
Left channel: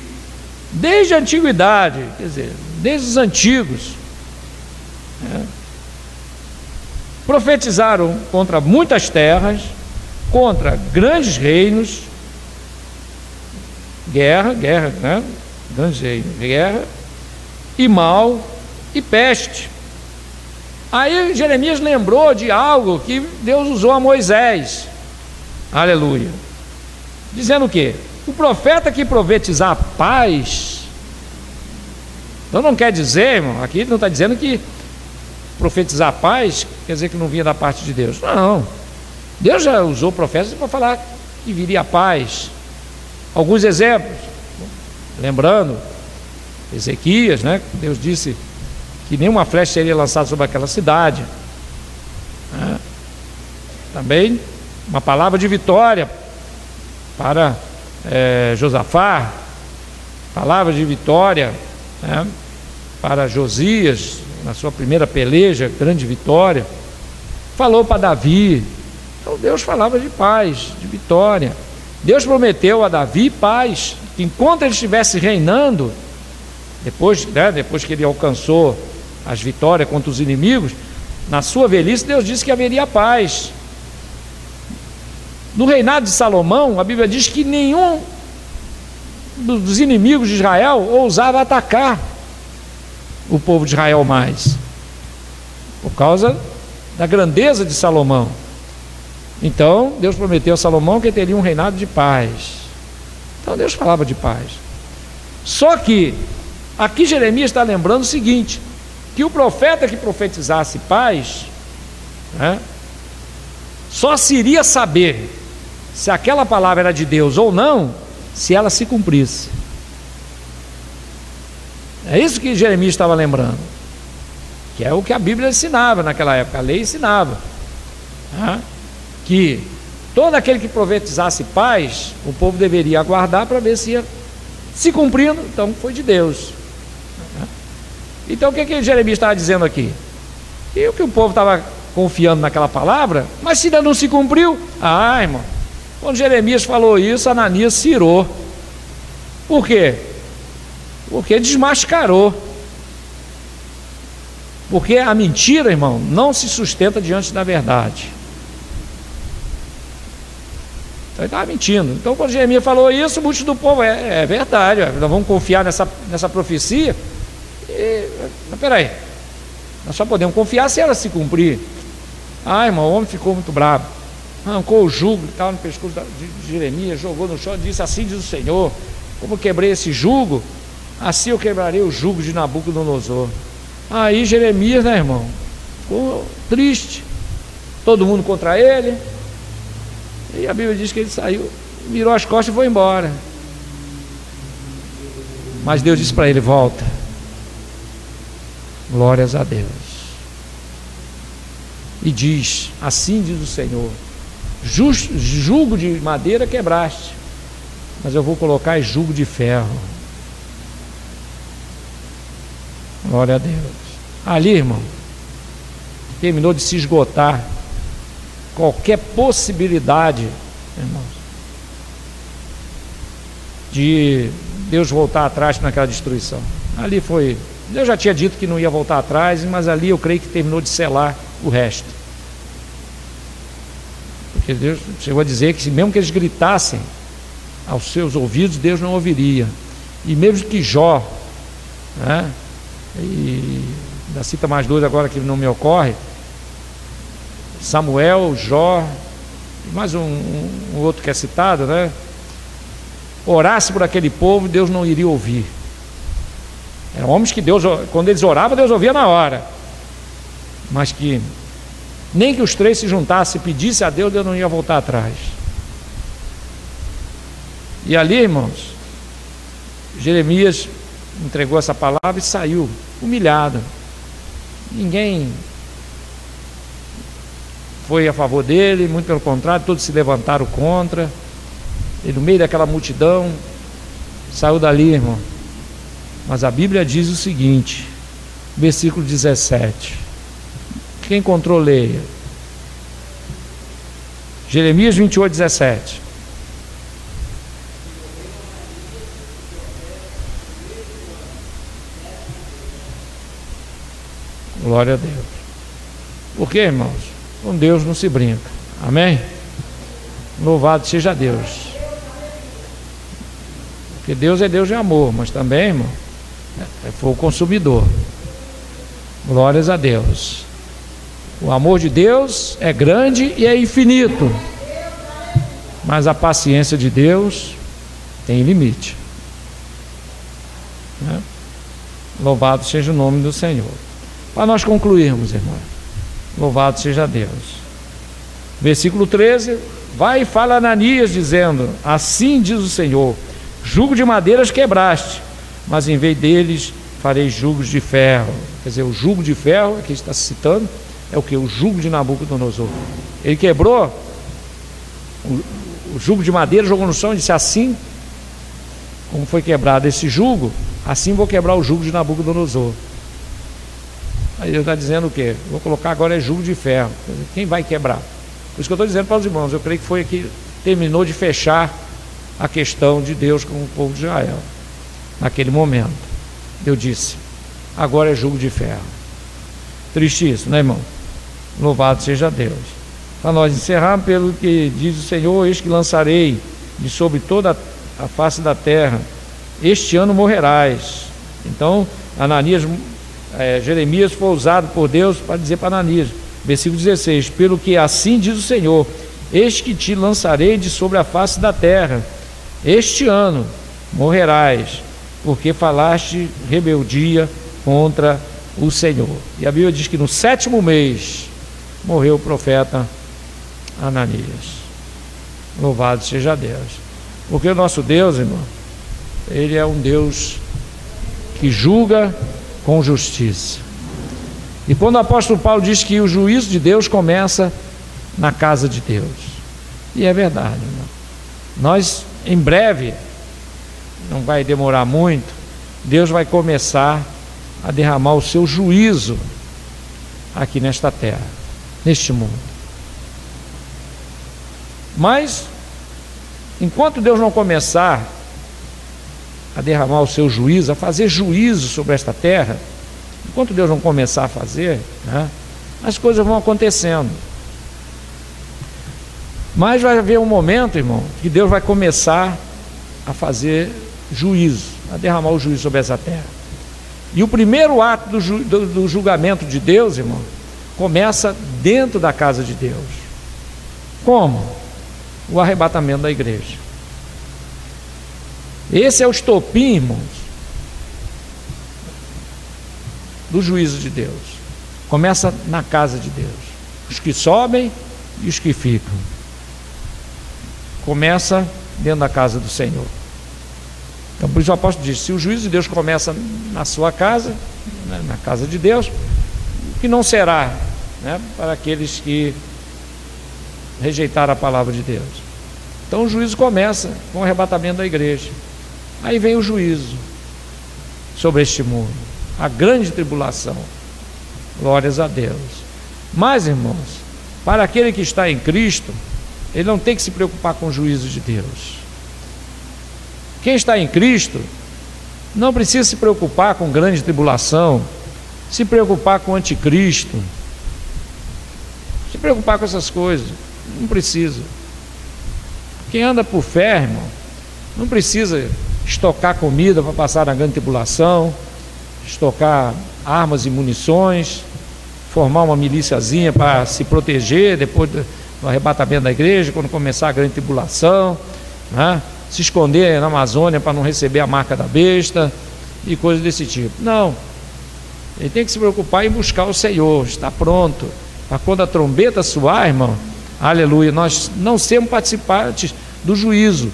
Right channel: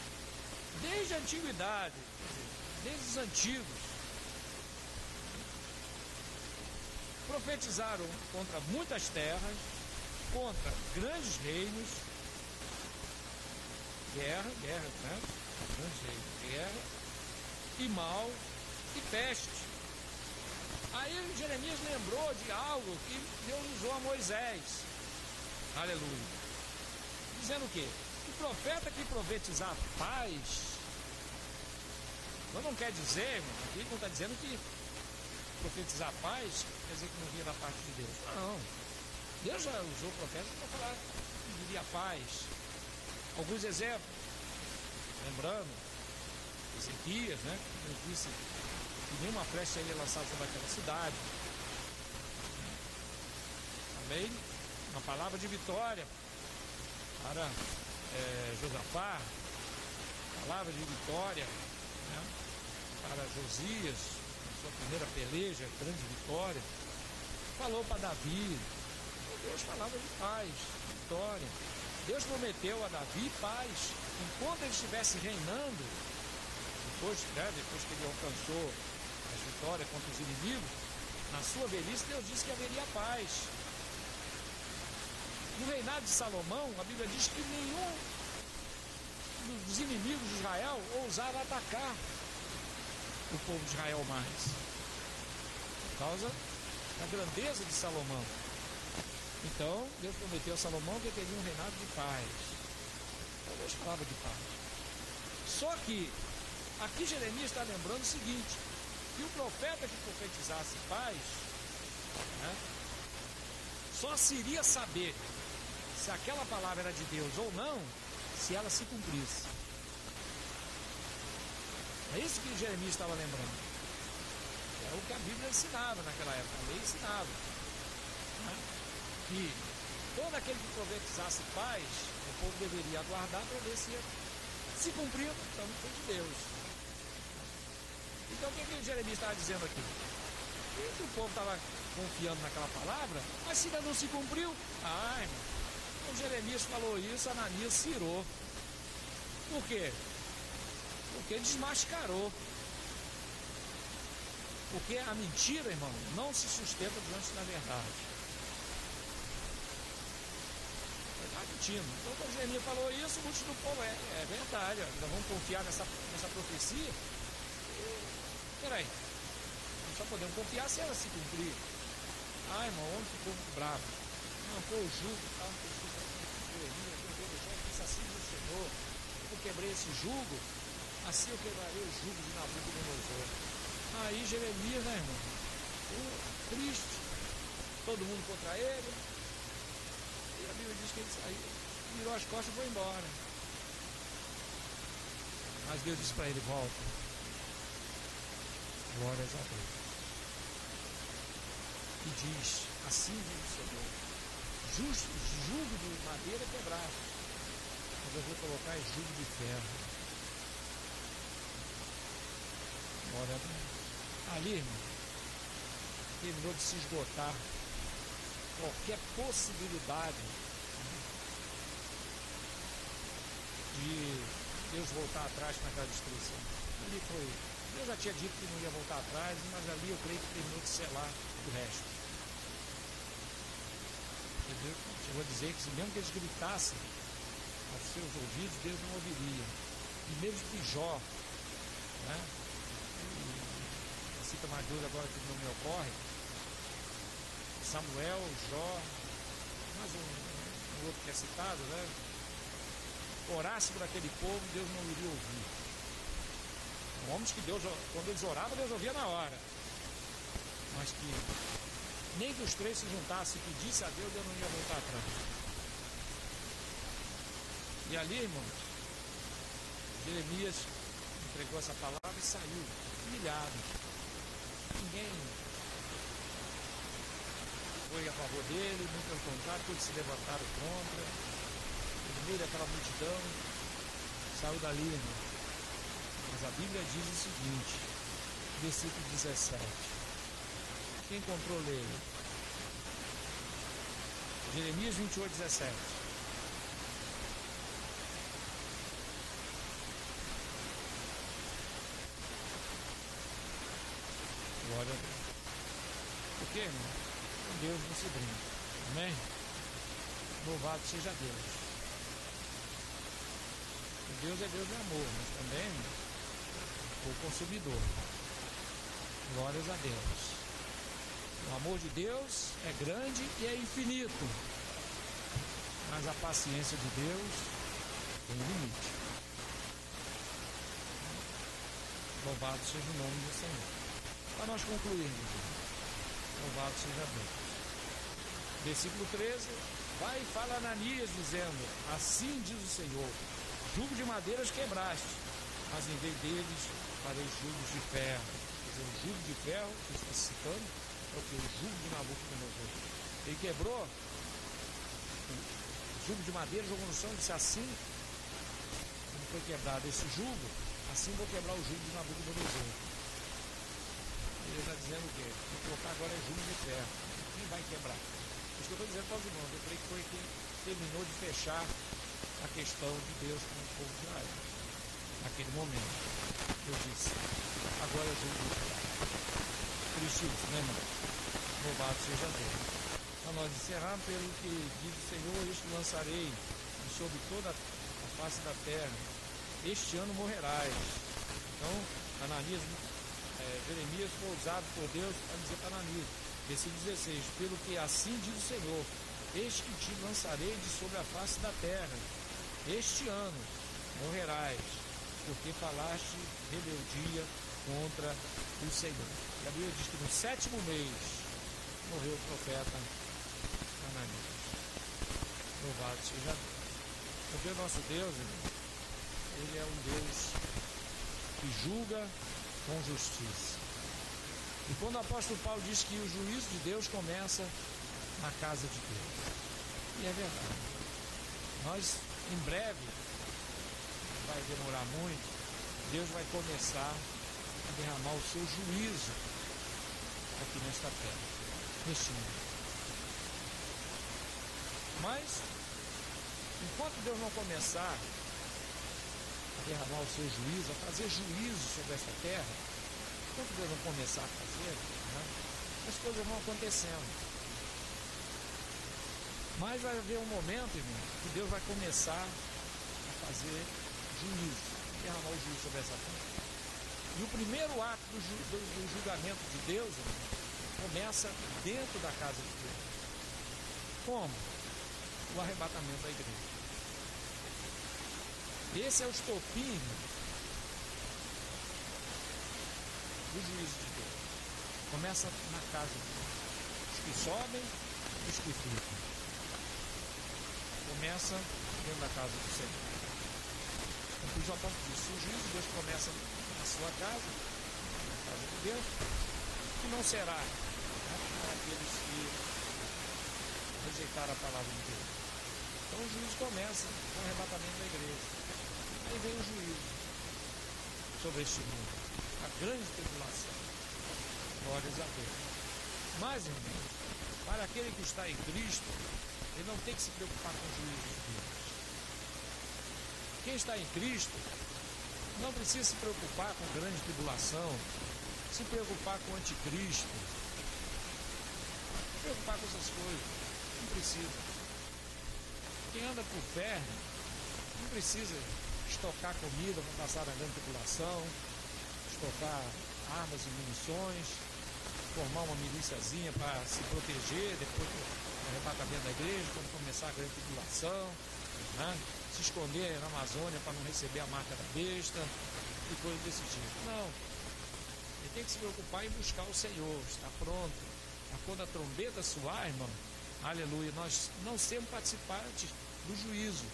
desde a antiguidade, quer dizer, desde os antigos, profetizaram contra muitas terras, contra grandes reinos, guerra, né? Grandes reinos, guerra, e mal, e peste. Aí Jeremias lembrou de algo que Deus usou a Moisés, aleluia, dizendo o quê? O profeta que profetizar paz, então não quer dizer, irmão, aqui não está dizendo que profetizar paz quer dizer que não vinha da parte de Deus. Não, Deus já usou profetas para falar que viria a paz. Alguns exemplos, lembrando Ezequias, né? Deus disse que nenhuma flecha seria lançada sobre aquela cidade, né? Também uma palavra de vitória para Josafá, palavra de vitória, né, para Josias, na sua primeira peleja, grande vitória. Falou para Davi. Então Deus falava de paz, de vitória. Deus prometeu a Davi paz, que enquanto ele estivesse reinando, depois que ele alcançou as vitórias contra os inimigos, na sua velhice, Deus disse que haveria paz. No reinado de Salomão, a Bíblia diz que nenhum dos inimigos de Israel ousava atacar o povo de Israel mais, por causa da grandeza de Salomão. Então Deus prometeu a Salomão que teria um reinado de paz. Então Deus falava de paz. Só que aqui Jeremias está lembrando o seguinte, que o profeta que profetizasse paz, né, só se iria saber se aquela palavra era de Deus ou não, se ela se cumprisse. É isso que Jeremias estava lembrando, que é o que a Bíblia ensinava naquela época, a lei ensinava, né, que todo aquele que profetizasse paz, o povo deveria aguardar para ver se ia se cumprindo. Então foi de Deus. Então o que Jeremias estava dizendo aqui? E o que o povo estava confiando naquela palavra, mas se ainda não se cumpriu, irmão, quando Jeremias falou isso, Ananias se irou. Por quê? Porque desmascarou. Porque a mentira, irmão, não se sustenta diante da verdade. Então ele estava mentindo. Então quando Jeremias falou isso, muitos do povo, é verdade, nós vamos confiar nessa profecia. Mas peraí, nós só podemos confiar se ela se cumprir. Irmão, o homem ficou muito bravo, arrancou o jugo e tal no pescoço de Jeremias, jogou no chão e disse: assim diz o Senhor, como eu quebrei esse jugo, assim eu quebrarei o jugo de Nabucodonosor. Aí Jeremias, né, irmão, ficou triste, todo mundo contra ele, e a Bíblia diz que ele saiu virou as costas e foi embora. Mas Deus disse para ele: volta. Glórias a Deus. E diz: assim diz o Senhor: jugo de madeira quebraste, mas eu vou colocar jugo de ferro. Glória a Deus. Ali, irmão, terminou de se esgotar qualquer possibilidade, irmãos, de Deus voltar atrás naquela destruição. Ali foi, Deus já tinha dito que não ia voltar atrás, mas ali eu creio que terminou de selar o resto. Porque Deus chegou a dizer que mesmo que eles gritassem aos seus ouvidos, Deus não ouviria. E mesmo que Jó, né, e ainda cita mais dois agora que não me ocorre, Samuel, Jó, e mais um outro que é citado, né, orasse por aquele povo, Deus não iria ouvir. Eram homens que Deus, quando eles oravam, Deus ouvia na hora, mas que nem que os três se juntassem e pedissem a Deus, Deus não ia voltar atrás. E ali, irmãos, Jeremias entregou essa palavra e saiu humilhado. Ninguém foi a favor dele, muito pelo contrário, todos se levantaram contra. E no meio daquela multidão saiu dali, irmão. Mas a Bíblia diz o seguinte, versículo 17. Quem encontrou, leia. Jeremias 28, 17. Glória a Deus. Por quê, irmãos? Com Deus não se brinca. Amém? Louvado seja Deus. Porque Deus é Deus de amor, mas também, irmão, é fogo consumidor. Glórias a Deus. O amor de Deus é grande e é infinito, mas a paciência de Deus tem limite, né? Louvado seja o nome do Senhor. Para nós concluirmos, irmão, louvado seja Deus. Versículo 13: vai e fala a Ananias, dizendo: assim diz o Senhor, jugo de madeiras quebraste, mas em vez deles farei jugos de ferro. Quer dizer, o jugo de ferro, aqui está citando, é o que? O jugo de Nabucodonosor. Ele quebrou o jugo de madeira, jogou no chão e disse: assim como foi quebrado esse jugo, assim vou quebrar o jugo de Nabucodonosor. Aí Deus está dizendo o quê? Vou colocar agora é jugo de ferro. Quem vai quebrar? Por isso que eu estou dizendo para os irmãos, eu creio que foi aqui, terminou de fechar a questão de Deus com o povo de Israel. Naquele momento, Deus disse: agora é jugo de ferro. Triste isso, né, irmão? Louvado seja Deus. Para nós encerrarmos, pelo que diz o Senhor: eis que lançarei de sobre toda a face da terra, este ano morrerás. Então, Jeremias foi usado por Deus para dizer para Ananias, versículo 16: pelo que assim diz o Senhor, eis que te lançarei de sobre a face da terra, este ano morrerás, porque falaste rebeldia contra o Senhor. E a Bíblia diz que no 7º mês morreu o profeta Ananias. Louvado seja Deus. Porque o nosso Deus, irmão, Ele é um Deus que julga com justiça. E quando o apóstolo Paulo diz que o juízo de Deus começa na casa de Deus, e é verdade, irmão. Nós, em breve, não vai demorar muito, Deus vai começar a derramar o seu juízo aqui nesta terra, neste mundo. Mas enquanto Deus não começar a derramar o seu juízo, a fazer juízo sobre esta terra, enquanto Deus não começar a fazer, né, as coisas vão acontecendo. Mas vai haver um momento, irmão, que Deus vai começar a fazer juízo, a derramar o juízo sobre essa terra. E o primeiro ato do julgamento de Deus, irmão, começa dentro da casa de Deus. Como? O arrebatamento da igreja. Esse é o estopim, irmãos, do juízo de Deus. Começa na casa de Deus. Os que sobem e os que ficam. Começa dentro da casa do Senhor. Então, por isso o apóstolo diz: se o juízo de Deus começa na sua casa, né, na casa de Deus, que não será, né, para aqueles que rejeitaram a palavra de Deus. Então o juízo começa com o arrebatamento da igreja. Aí vem o juízo sobre este mundo, a grande tribulação. Glórias a Deus. Mas, irmãos, para aquele que está em Cristo, ele não tem que se preocupar com o juízo de Deus. Quem está em Cristo não precisa se preocupar com grande tribulação, se preocupar com o anticristo, se preocupar com essas coisas. Não precisa. Quem anda por fé, irmão, não precisa estocar comida para passar na grande tribulação, estocar armas e munições, formar uma milíciazinha para se proteger depois do arrebatamento da igreja, quando começar a grande tribulação, né? Se esconder na Amazônia para não receber a marca da besta e coisas desse tipo. Não, ele tem que se preocupar em buscar o Senhor, está pronto para quando a trombeta soar, irmão, aleluia, nós não sermos participantes do juízo,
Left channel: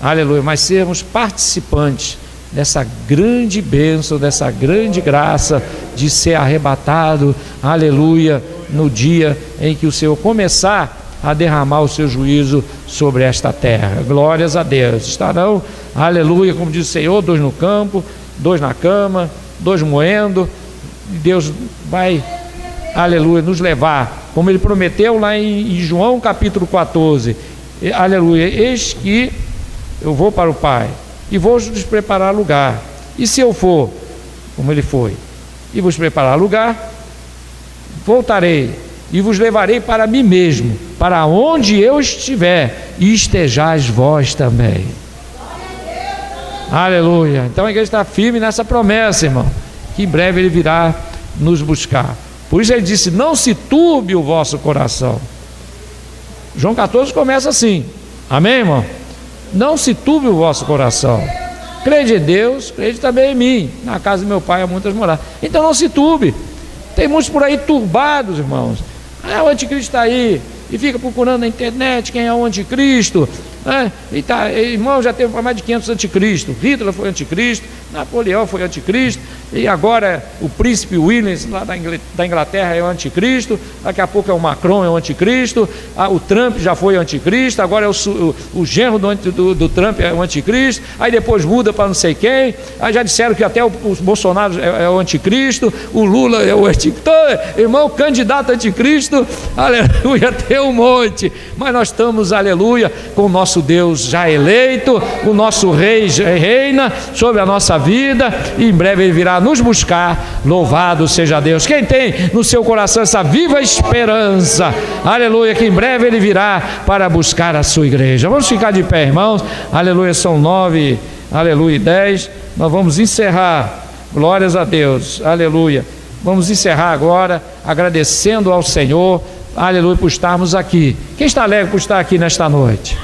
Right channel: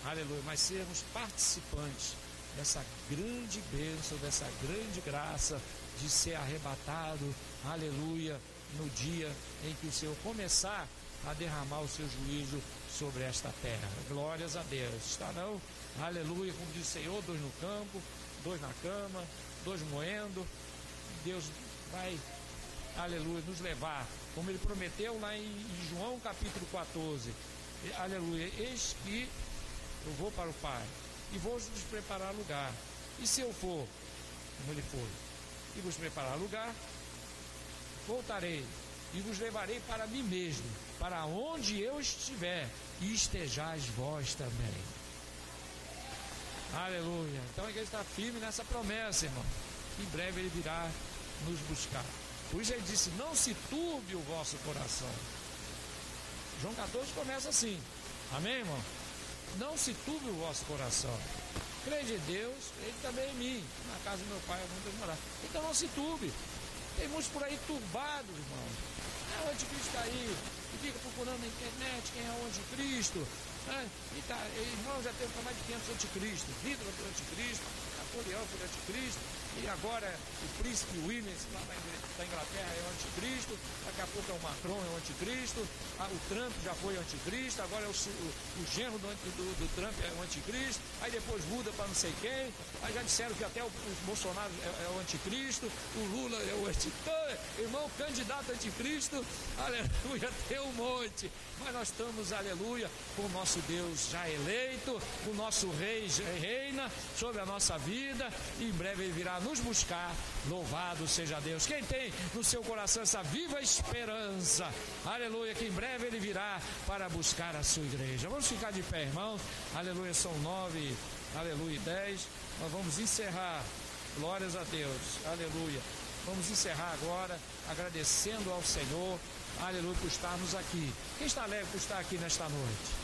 aleluia, mas sermos participantes dessa grande bênção, dessa grande graça de ser arrebatado, aleluia, no dia em que o Senhor começar a derramar o seu juízo sobre esta terra. Glórias a Deus. Estarão, aleluia, como diz o Senhor, 2 no campo, 2 na cama, 2 moendo, e Deus vai, aleluia, nos levar, como ele prometeu lá em João capítulo 14, aleluia, eis que eu vou para o Pai e vou vos preparar lugar, e se eu for, como ele foi, e vos preparar lugar, voltarei e vos levarei para mim mesmo, para onde eu estiver, e estejais vós também. Aleluia. Então a igreja está firme nessa promessa, irmão, que em breve ele virá nos buscar. Por isso ele disse: não se turbe o vosso coração. João 14 começa assim, amém, irmão? Não se turbe o vosso coração. Crede em Deus, crede também em mim. Na casa do meu pai há muitas moradas. Então não se turbe. Tem muitos por aí turbados, irmãos. O anticristo está aí e fica procurando na internet quem é o anticristo, né? E tá, irmão, já teve mais de 500 anticristos. Hitler foi anticristo, Napoleão foi anticristo, e agora o príncipe William lá da Inglaterra é o anticristo. Daqui a pouco é o Macron, é o anticristo. O Trump já foi anticristo, agora é o genro do Trump é o anticristo. Aí depois muda para não sei quem. Aí já disseram que até o Bolsonaro é o anticristo, o Lula é o anticristo. Então, irmão, candidato anticristo, aleluia, tem um monte. Mas nós estamos, aleluia, com o nosso Deus já eleito, o nosso rei já reina sobre a nossa vida, e em breve ele virá nos buscar. Louvado seja Deus. Quem tem no seu coração essa viva esperança, aleluia, que em breve ele virá para buscar a sua igreja. Vamos ficar de pé, irmãos, aleluia, são 9, aleluia, 10, nós vamos encerrar, glórias a Deus, aleluia, vamos encerrar agora, agradecendo ao Senhor, aleluia, por estarmos aqui. Quem está alegre por estar aqui nesta noite?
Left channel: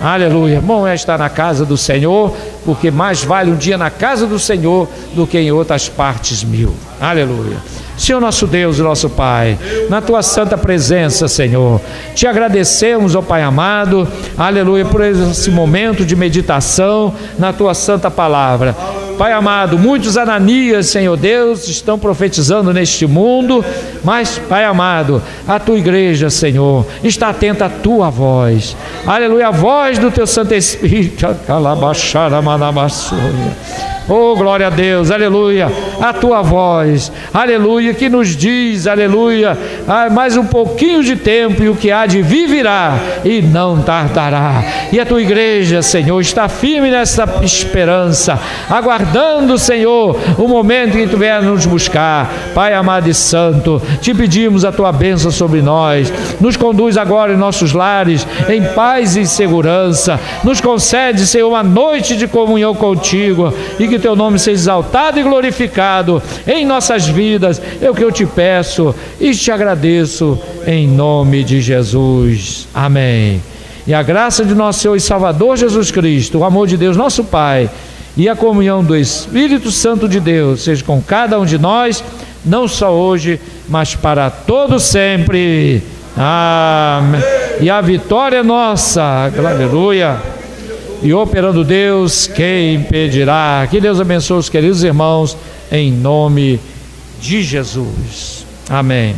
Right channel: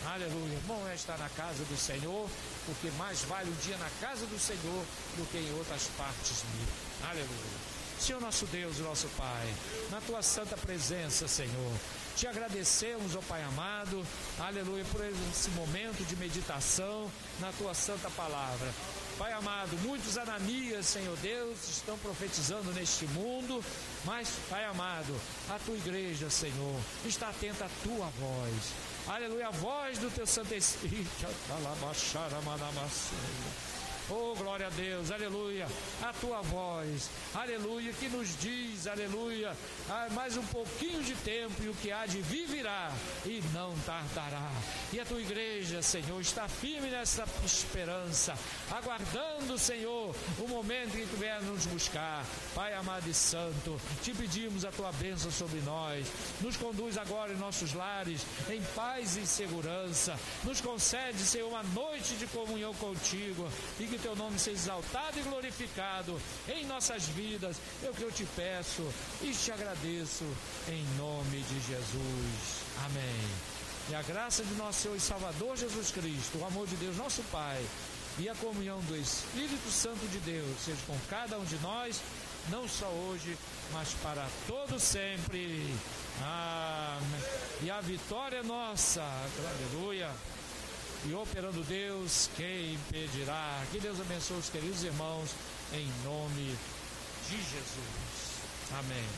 Aleluia, bom é estar na casa do Senhor, porque mais vale um dia na casa do Senhor do que em outras partes 1000. Aleluia. Senhor nosso Deus e nosso Pai, na Tua santa presença, Senhor, te agradecemos, ó Pai amado, aleluia, por esse momento de meditação na Tua santa palavra. Pai amado, muitos Ananias, Senhor Deus, estão profetizando neste mundo, mas, Pai amado, a Tua igreja, Senhor, está atenta à Tua voz, aleluia, a voz do Teu Santo Espírito, oh, glória a Deus, aleluia, a Tua voz, aleluia, que nos diz, aleluia, mais um pouquinho de tempo e o que há de vir virá e não tardará. E a Tua igreja, Senhor, está firme nessa esperança, aguardando, Senhor, o momento em que Tu vier nos buscar. Pai amado e santo, te pedimos a Tua bênção sobre nós, nos conduz agora em nossos lares, em paz e segurança, nos concede, Senhor, uma noite de comunhão contigo, e que Teu nome seja exaltado e glorificado em nossas vidas. É o que eu te peço e te agradeço em nome de Jesus. Amém. E a graça de nosso Senhor e Salvador Jesus Cristo, o amor de Deus nosso Pai e a comunhão do Espírito Santo de Deus seja com cada um de nós, não só hoje, mas para todo sempre. Amém. E a vitória é nossa. Aleluia. e operando Deus, quem impedirá? Que Deus abençoe os queridos irmãos, em nome de Jesus. Amém.